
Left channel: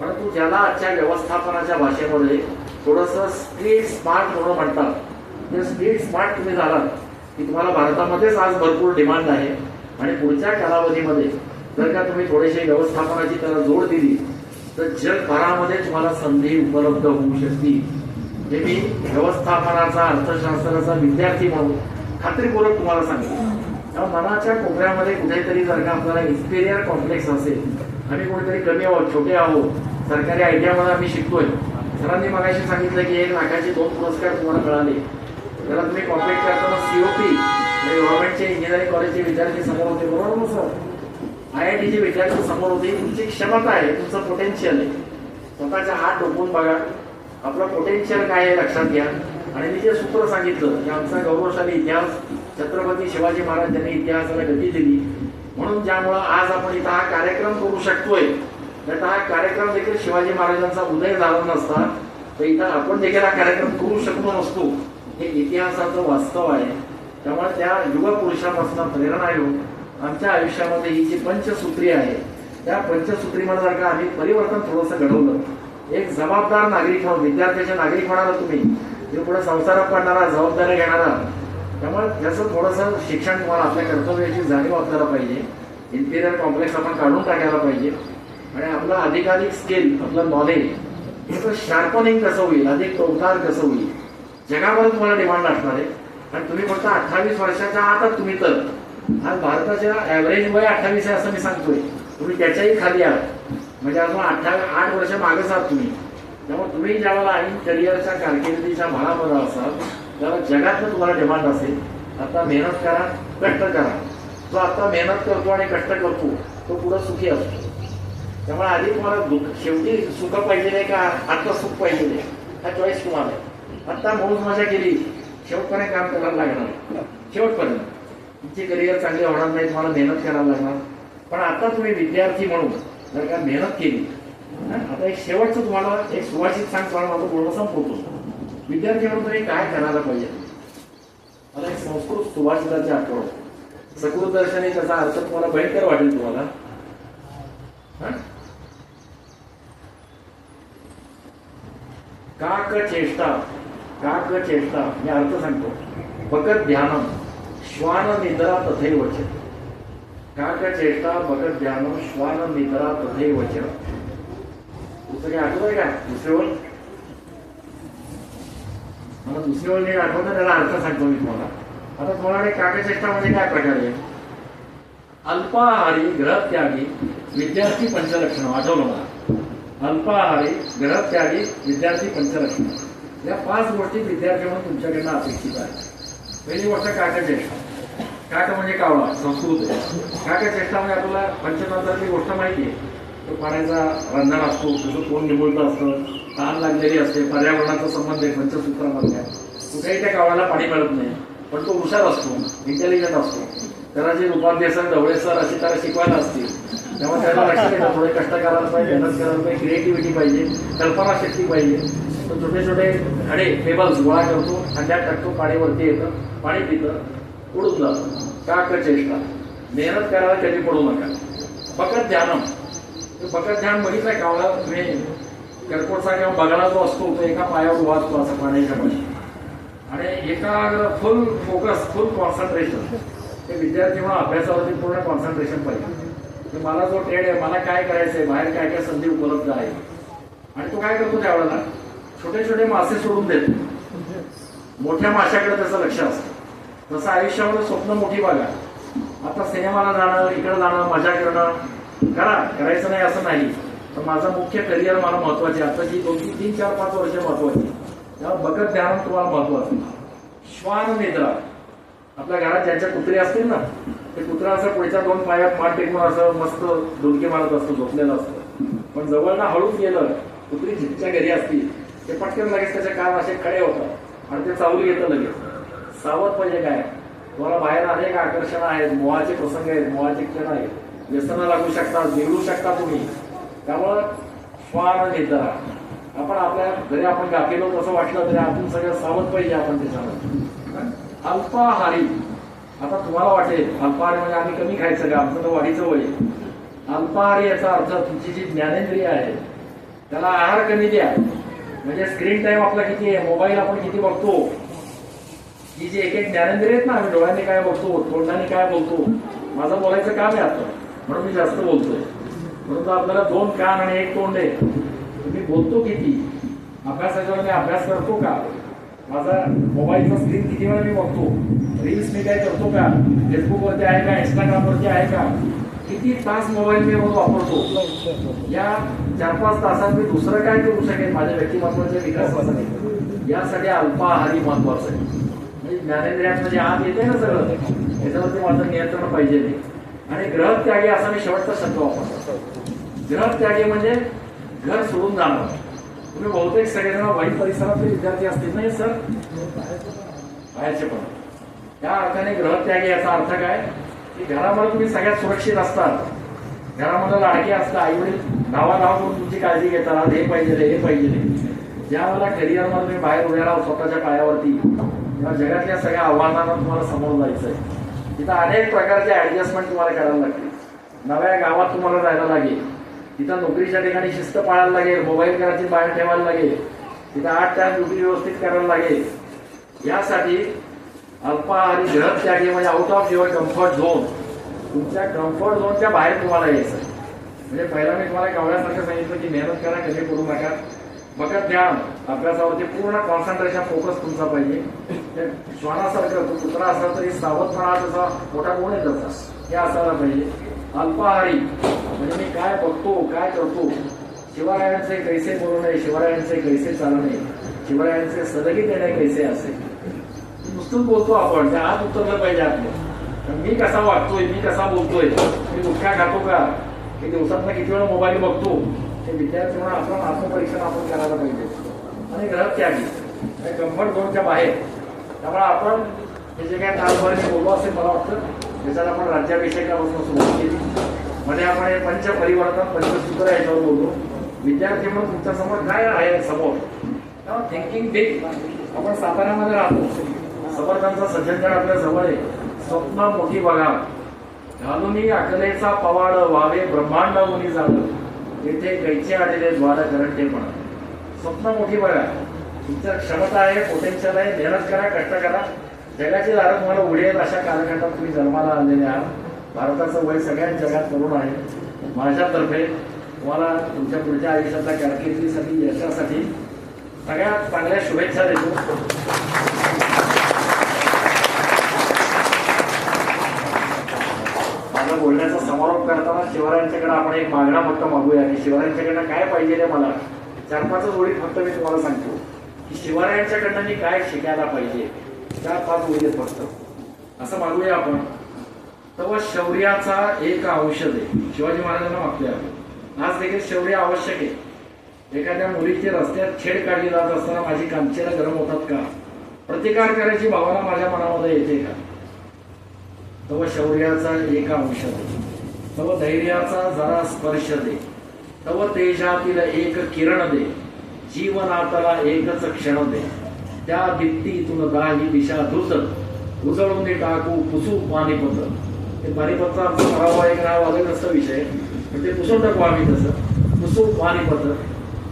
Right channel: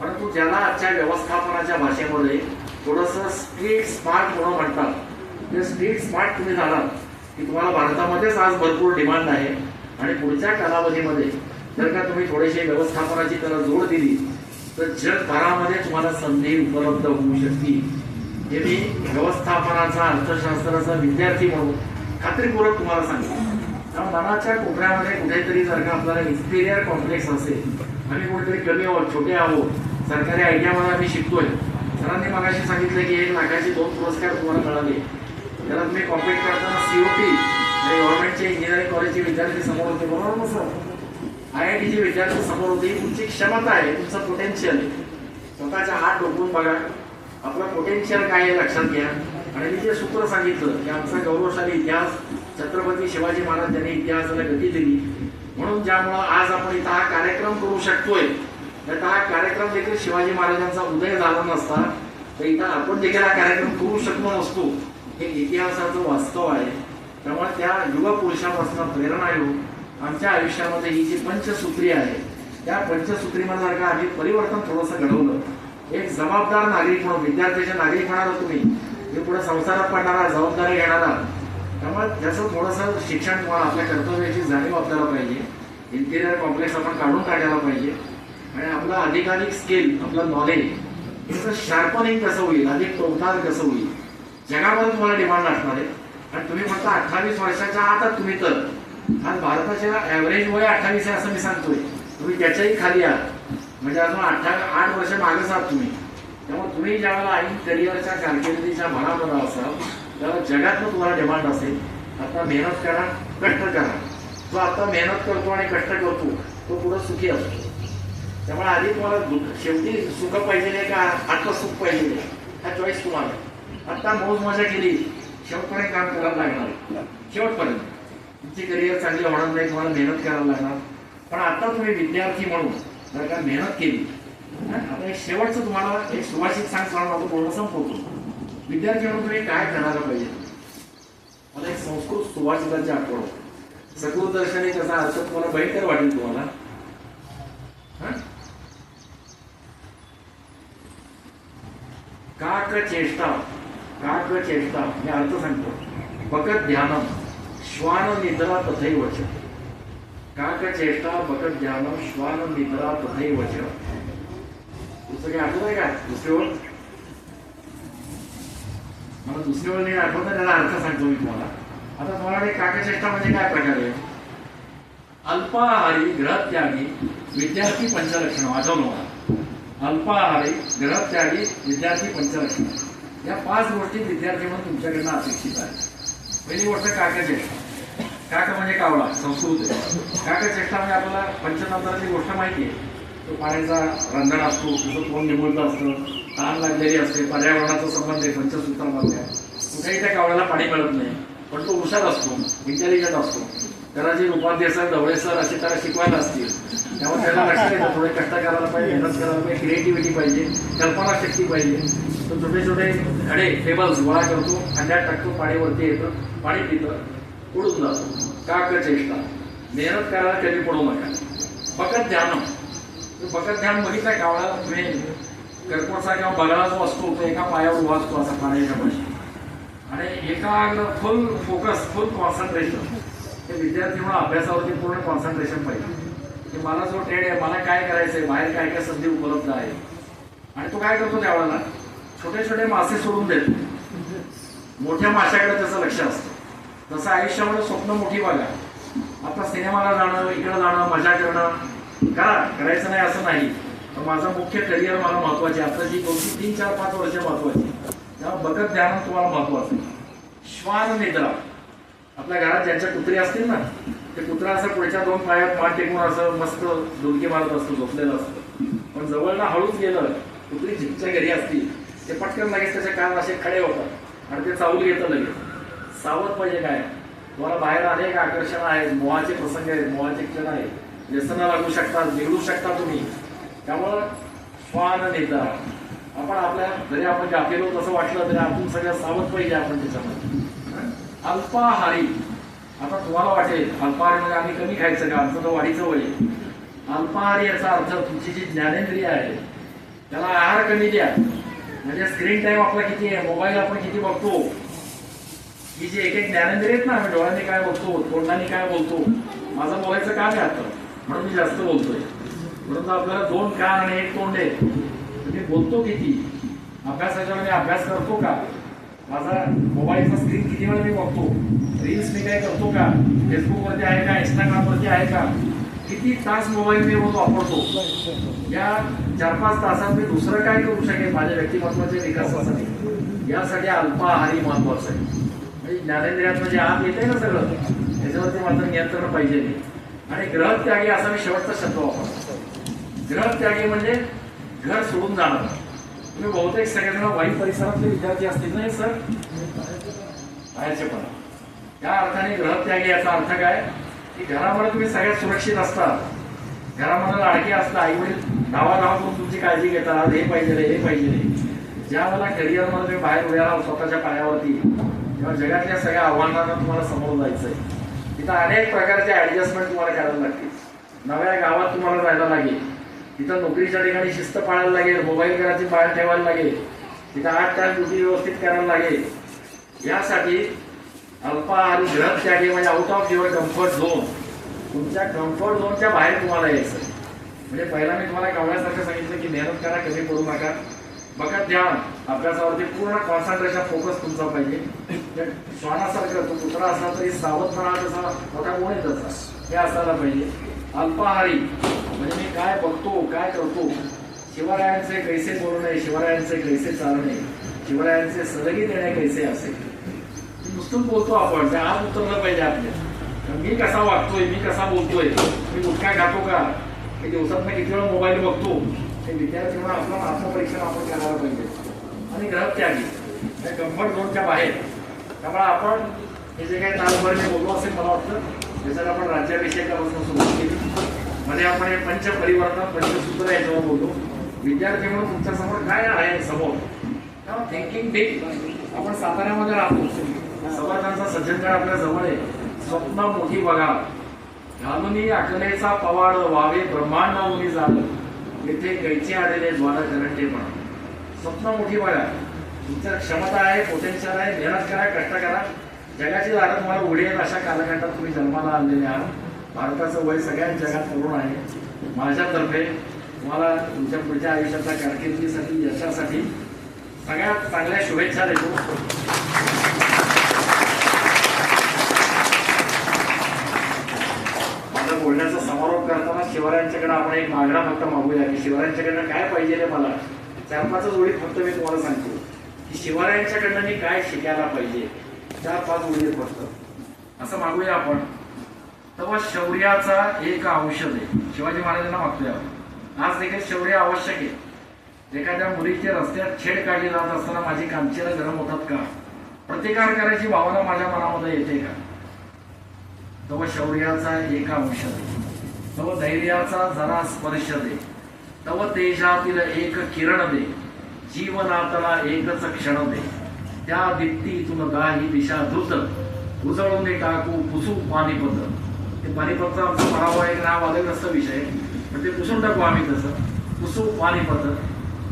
परंतु ज्याला आजच्या व्यवस्थापनाच्या भाषेमध्ये थोडंसं स्ट्रीट स्मार्ट होणं म्हणतात, ते स्ट्रीट स्मार्ट तुम्ही झालात की तुम्हाला भारतामध्येच आज भरपूर डिमांड आहे. आणि पुढच्या कालावधीमध्ये जर का तुम्ही थोडीशी व्यवस्थापनाची त्याला जोड दिली तर जगभरामध्ये तुम्हाला संधी उपलब्ध होऊ शकतील. हे मी व्यवस्थापनाचा अर्थशास्त्राचा विद्यार्थी म्हणून खात्रीपूर्वक तुम्हाला सांगतो. मनाच्या कोपऱ्यामध्ये कुठेतरी जर का आपल्याला इन्फिरियर कॉम्प्लेक्स असेल, आम्ही कुठेतरी कमी आहोत, छोटे आहोत, सरकारी ITI मध्ये आम्ही शिकतोय. सरांनी मगाशी सांगितलं की 1 लाखाचे 2 पुरस्कार तुम्हाला मिळाले. त्याला तुम्ही कॉम्प्लीट करताना COP गव्हर्नमेंटचे इंजिनिअरिंग कॉलेजचे विद्यार्थी समोर होते, बरोबर ना सर? IITचे विद्यार्थी समोर होते. तुमची क्षमता आहे, तुमचं पोटेन्शियल आहे. स्वतःचा हात डोकवून बघा, आपलं पोटेन्शियल काय आहे लक्षात घ्या. आणि मी जे सूत्र सांगितलं की आमचा गौरवशाली इतिहास छत्रपती शिवाजी महाराज यांनी इतिहासाला गती दिली, म्हणून ज्यामुळं आज आपण इथं हा कार्यक्रम करू शकतोय. तर हा कार्यक्रम देखील शिवाजी महाराजांचा उदय झाला नसता तर इथं आपण देखील हा कार्यक्रम करू शकलो नसतो. हे इतिहासाचं वास्तव आहे. त्यामुळे त्या युवा पुरुषापासून प्रेरणा घेऊन आमच्या आयुष्यामध्ये ही जी पंचसूत्री आहे त्या पंचसूत्रीमध्ये जर का आम्ही परिवर्तन थोडंसं घडवलं, एक जबाबदार नागरिक म्हणून विद्यार्थ्याचे नागरिक म्हणाला तुम्ही, हे पुढे संसारात पडणारा, जबाबदारी घेणारा. त्यामुळे त्याचं थोडंसं शिक्षण तुम्हाला आपल्या कर्तव्याची जाणीव आपल्याला पाहिजे. इन्फिरियर कॉम्प्लेक्स आपण काढून टाकायला पाहिजे. आणि आपलं अधिकाधिक स्किल, आपलं नॉलेज याचं शार्पनिंग कसं होईल, अधिक टोकदार कसं होईल. जगामध्ये तुम्हाला डिमांड असणार आहे. आणि तुम्ही फक्त 28 वर्षाच्या आतच तुम्ही तर आज भारताच्या ॲव्हरेज वय 28 आहे असं मी सांगतोय. तुम्ही त्याच्याही खाली आहात, म्हणजे अजून 8 वर्ष मागेच आहात तुम्ही. त्यामुळे तुम्ही ज्यावेळेला ऐन करिअरच्या कारकिर्दीच्या भागामध्ये असाल त्यावेळेला जगातलं तुम्हाला डिमांड असेल. आता मेहनत करा, कष्ट करा. जो आता मेहनत करतो आणि कष्ट करतो तो पुढे सुखी असतो. त्यामुळे आधी तुम्हाला शेवटी सुख पाहिजे का आता सुख पाहिजे हा चॉईस तुम्हाला. आता मौज मजा केली, शेवटपर्यंत काम करायला लागणार. शेवटपर्यंत तुमची करिअर चांगली होणार नाही, तुम्हाला मेहनत करायला लागणार. पण आता तुम्ही विद्यार्थी म्हणून जर का मेहनत केली, आता एक शेवटचं तुम्हाला एक सुभाषित सांगतो, माझं बोलणं संपवतो. विद्यार्थी म्हणून तुम्ही काय करायला पाहिजे. मला एक संस्कृत सुभाषिताची आठवण, सकृत दर्शने त्याचा अर्थ तुम्हाला भयंकर वाटेल तुम्हाला. काक चेष्टा, काक चेष्टा मी अर्थ सांगतो. बकत ध्यानम श्वान निद्रा तथैवच. काक चेष्टा बकत ध्यानम श्वान निद्रा तथैवच. दुसरं काही आठवत आहे का? दुसरी ओळ मला दुसरी ओळ नीट आठवत, त्याला अर्थ सांगतो मी तुम्हाला. आता तुम्हाला काकचेष्टा म्हणजे काय प्रकार आहे? अल्पाहारी, ग्रहत्यागी, विद्यार्थी पंचलक्षण आठवलं मला. अल्पाहारी, ग्रहत्यागी, विद्यार्थी पंचलक्ष्मी, या 5 गोष्टी विद्यार्थी म्हणून तुमच्याकडनं अपेक्षित आहे. पहिली गोष्ट काकचेष्टा. काक म्हणजे कावळा, संस्कृत आहे. काकचेष्टा म्हणजे आपल्याला पंचतंत्राची गोष्ट माहिती आहे. तो पाण्याचा रंधन असतो, त्याचं तोंड निमुळतं असतं, तहान लागलेली असते, पर्यावरणाचा संबंध आहे पंचसूत्रामधल्या. कुठेही त्या कावळ्याला पाणी मिळत नाही, पण तो हुशार असतो, इंटेलिजंट असतो. त्याला जे उपाध्याय सर, ढवळे सर अशी त्याला शिकवायला असतील, त्यामुळे त्याला लक्ष देतं. थोडे कष्ट करायला पाहिजे, मेहनत करायला पाहिजे, क्रिएटिव्हिटी पाहिजे, कल्पना शक्ती पाहिजे. तो छोटे छोटे खडे पेबल्स गोळा करतो, खड्ड्यात टाकतो, पाणीवरती येतं, पाणी पितं, उडून जातं. काकचेष्टा. मेहनत करायला कधी पडू नका. फकत ध्यान. फकत ध्यान मध्ये काय कावळा तुम्ही कर्कोटचा किंवा बगळा जो असतो तो एका पायावर उभा असतो असा पाण्याच्या पाशी, आणि एका फुल फोकस, फुल कॉन्सन्ट्रेशन. ते विद्यार्थी म्हणून अभ्यासावरती पूर्ण कॉन्सन्ट्रेशन पाहिजे की मला जो ट्रेड आहे, मला काय करायचंय, बाहेर काय काय संधी उपलब्ध आहे. आणि तो काय करतो त्यावेळेला छोटे छोटे मासे सोडून देतो. मोठ्या माशाकडे त्याचं लक्ष असतं. तसं आयुष्यामध्ये स्वप्न मोठी बघा. आता सिनेमाला जाणं, इकडे जाणं, मजा करणं करायचं नाही असं नाही, तर माझं मुख्य करिअर मला महत्वाचे. आताची 2-3, 4, 5 वर्ष महत्वाची. त्यामुळे बघत ध्यान तुम्हाला महत्वाचं. श्वान निद्रा. आपल्या घरात ज्यांच्या कुत्री असतील ना, ते कुत्रा असं पुढच्या 2 पायात मान टेकून असं मस्त डुलके मारत असतो, झोपलेलं असतं. पण जवळनं हळूच गेलं, कुत्री जिच्या घरी असती, ते पटकन लगेच त्याचे कान असे खडे होतात आणि ते चावूल घेतं लगेच. सावध पाहिजे. काय तुम्हाला बाहेर अनेक आकर्षण आहेत, मोहाचे प्रसंग आहेत, मोहाचे क्षण आहेत, व्यसनं लागू शकतात, बिघडू शकता तुम्ही. त्यामुळं श्वान निद्रा. आपण आपल्या जरी आपण गाफीलो तसं वाटलं तरी आपण सगळं सावध पाहिजे. आपण त्याच्यामध्ये अल्पाहारी. आता तुम्हाला वाटेल अल्पाहारी म्हणजे आम्ही कमी खायचं का, आमचं तर वाढीचं वय. अल्पाहारी याचा अर्थ तुमची जी ज्ञानेंद्रिय आहे त्याला आहार कमी द्या. म्हणजे स्क्रीन टाइम आपला किती आहे, मोबाईल आपण किती बघतो, ही जी एक एक ज्ञानेंद्रिय आहेत ना, आम्ही डोळ्यांनी काय बघतो, तोंडाने काय बोलतो. माझं बोलायचं काम आहे आता, म्हणून मी जास्त बोलतोय. म्हणून आपल्याला 2 कान आणि 1 तोंड आहे. तुम्ही बोलतो किती, अभ्यासाच्या वेळी अभ्यास करतो का, माझा मोबाईलचा स्क्रीन किती वेळा मी बघतो, रील्स मी काय करतो का, फेसबुकवरती आहे का, इंस्टाग्रामवरती आहे का, किती तास मोबाईल मी रोज वापरतो. या 4-5 तासात मी दुसरं काय करू शकेन माझ्या व्यक्तिमत्वाच्या विकासासाठी, यासाठी अल्पाहारी महत्वाचं आहे. म्हणजे ज्ञानेंद्रियात म्हणजे आत येते ना सगळं, त्याच्यावरती माझं नियंत्रण पाहिजे नाही. आणि ग्रहत्यागी असा मी शेवटचा शब्द वापरतो. ग्रहत्यागी म्हणजे घर सोडून जाणं. तुम्ही बहुतेक सगळेजण वाईट परिसरातले विद्यार्थी असतील नाही सर, बाहेरचे पण. त्या अर्थाने ग्रहत्यागी याचा अर्थ काय की घरामध्ये तुम्ही सगळ्यात सुरक्षित असतात, घरामध्ये लाडके असतात, आई वडील गावागावातून तुमची काळजी घेतात, हे पाहिजे हे पाहिजे. ज्या मला करिअरमध्ये तुम्ही बाहेर उभ्या राहा स्वतःच्या पायावरती, तेव्हा जगातल्या सगळ्या आव्हानांना तुम्हाला समोर जायचंय. तिथं अनेक प्रकारचे ऍडजस्टमेंट तुम्हाला करायला लागतील. नव्या गावात तुम्हाला जायला लागेल, तिथं नोकरीच्या ठिकाणी शिस्त पाळायला लागेल, मोबाईल घराची बाहेर ठेवायला लागेल, तिथं 8 तास ड्युटी व्यवस्थित करायला लागेल. यासाठी अल्पाहारी ग्रहत्यागी म्हणजे out of your comfort zone, तुमच्या कम्फर्ट झोनच्या बाहेर तुम्हाला यायचं. म्हणजे पहिला मी तुम्हाला कावळ्यासारखं सांगितलं की मेहनत करा, कमी करू नका. बघा ध्यान, अभ्यासावरती पूर्ण कॉन्सन्ट्रेशन, फोकस तुमचा पाहिजे. श्वानासारखं तो कुत्रा असला तरी सावधपणा त्याचा मोठा गुण आहे त्याचा, हे असायला पाहिजे. अल्पाहारी म्हणजे मी काय बघतो, काय करतो, शिवरायांचे कैसे बोलू नये, शिवरायांचे कैसे चालू नये, शिवरायांचे सदगी देणे कैसे असेल. नुसतंच बोलतो आपण, त्या आत उतरलं पाहिजे आपल्या. मी कसा वागतोय, मी कसा बोलतोय, मी गुटखा खातो का, मी दिवसात किती वेळा मोबाईल बघतो, हे विद्यार्थी म्हणून आपण आत्मपरीक्षण आपण करायला पाहिजे. आणि ग्रहत्यागी त्या कम्फर्ट झोनच्या बाहेर. त्यामुळे आपण हे जे काय तासभर बोललो असेल मला वाटतं, त्याच्यात आपण राज्याभिषेकापासून सुरुवात केली. म्हणजे आपण हे पंचपरिवर्तन, पंचसूत्र याच्यावर बोललो. विद्यार्थी म्हणून तुमच्यासमोर काय आहे समोर, तेव्हा थिंकिंग डीप. आपण साताऱ्यामध्ये राहतो, समर्थांचा सज्जनगड आपल्या जवळ आहे. स्वप्न मोठी बघा, घालुनी अकलेचा पवाड व्हावे ब्रह्मांड मुनी झालं, येथे कैचे आलेले द्वार करंटेपणा. स्वप्न मोठी बघा, तुमच्या क्षमता आहे, पोटेन्शियल आहे, मेहनत करा, कष्ट करा. जगाची दारं तुम्हाला उघडी आहेत. अशा कालखंडात तुम्ही जन्माला आलेले आहात. भारताचं वय सगळ्याच जगात तरुण आहे. माझ्यातर्फे तुम्हाला तुमच्या पुढच्या आयुष्याच्या कारकिर्दीसाठी, यशासाठी सगळ्यात चांगल्या शुभेच्छा देतो. माझं बोलण्याचा समारोप करताना शिवरायांच्याकडे आपण एक मागणा फक्त मागूया की शिवरायांच्याकडनं काय पाहिजे रे मला 4-5 ओळीत फक्त मी तुम्हाला सांगतो की शिवरायांच्याकडनं मी काय शिकायला पाहिजे 4-5 ओळीत फक्त असं मागूया आपण. तेव्हा शौर्याचा एक औषध आहे शिवाजी महाराजांना मागतोय आपण. आज देखील शौर्य आवश्यक आहे. एखाद्या मुलीची रस्त्यात छेड काढली जात असताना माझी कांचीला गरम होतात का? प्रतिकार करायची भावना माझ्या मनामध्ये येते का? तेव्हा शौर्याचा एक औषध आहे. तेव्हा धैर्याचा जरा स्पर्श दे. तेव्हा तेजातील एक किरण दे. जीवनातला एकच क्षण दे. त्या दीप्तीतून गाही दिशा धुत उजळून टाकू पुसू पानिपत. ते पानिपतचा आमचा पराभव एक नाव आलेलं नसतं विषय पण ते पुसून टाकू आम्ही तसं पुसू पानिपत.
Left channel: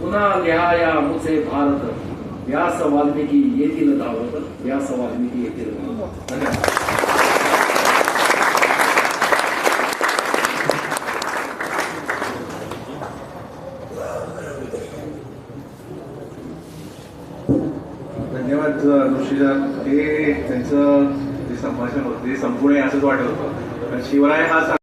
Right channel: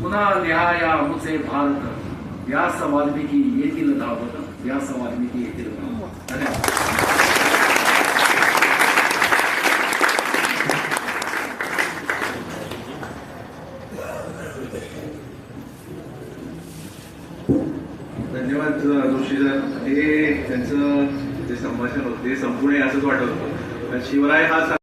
पुन्हा लिहाया मुचे भारत. व्यास वाल्मिकी येतील धावत. व्यास वाल्मिकी येतील धावत. धन्यवाद. धन्यवाद ऋषीदास. हे त्यांचं जे संभाषण होतं ते संपूर्ण असंच वाटत होतं. शिवराय हा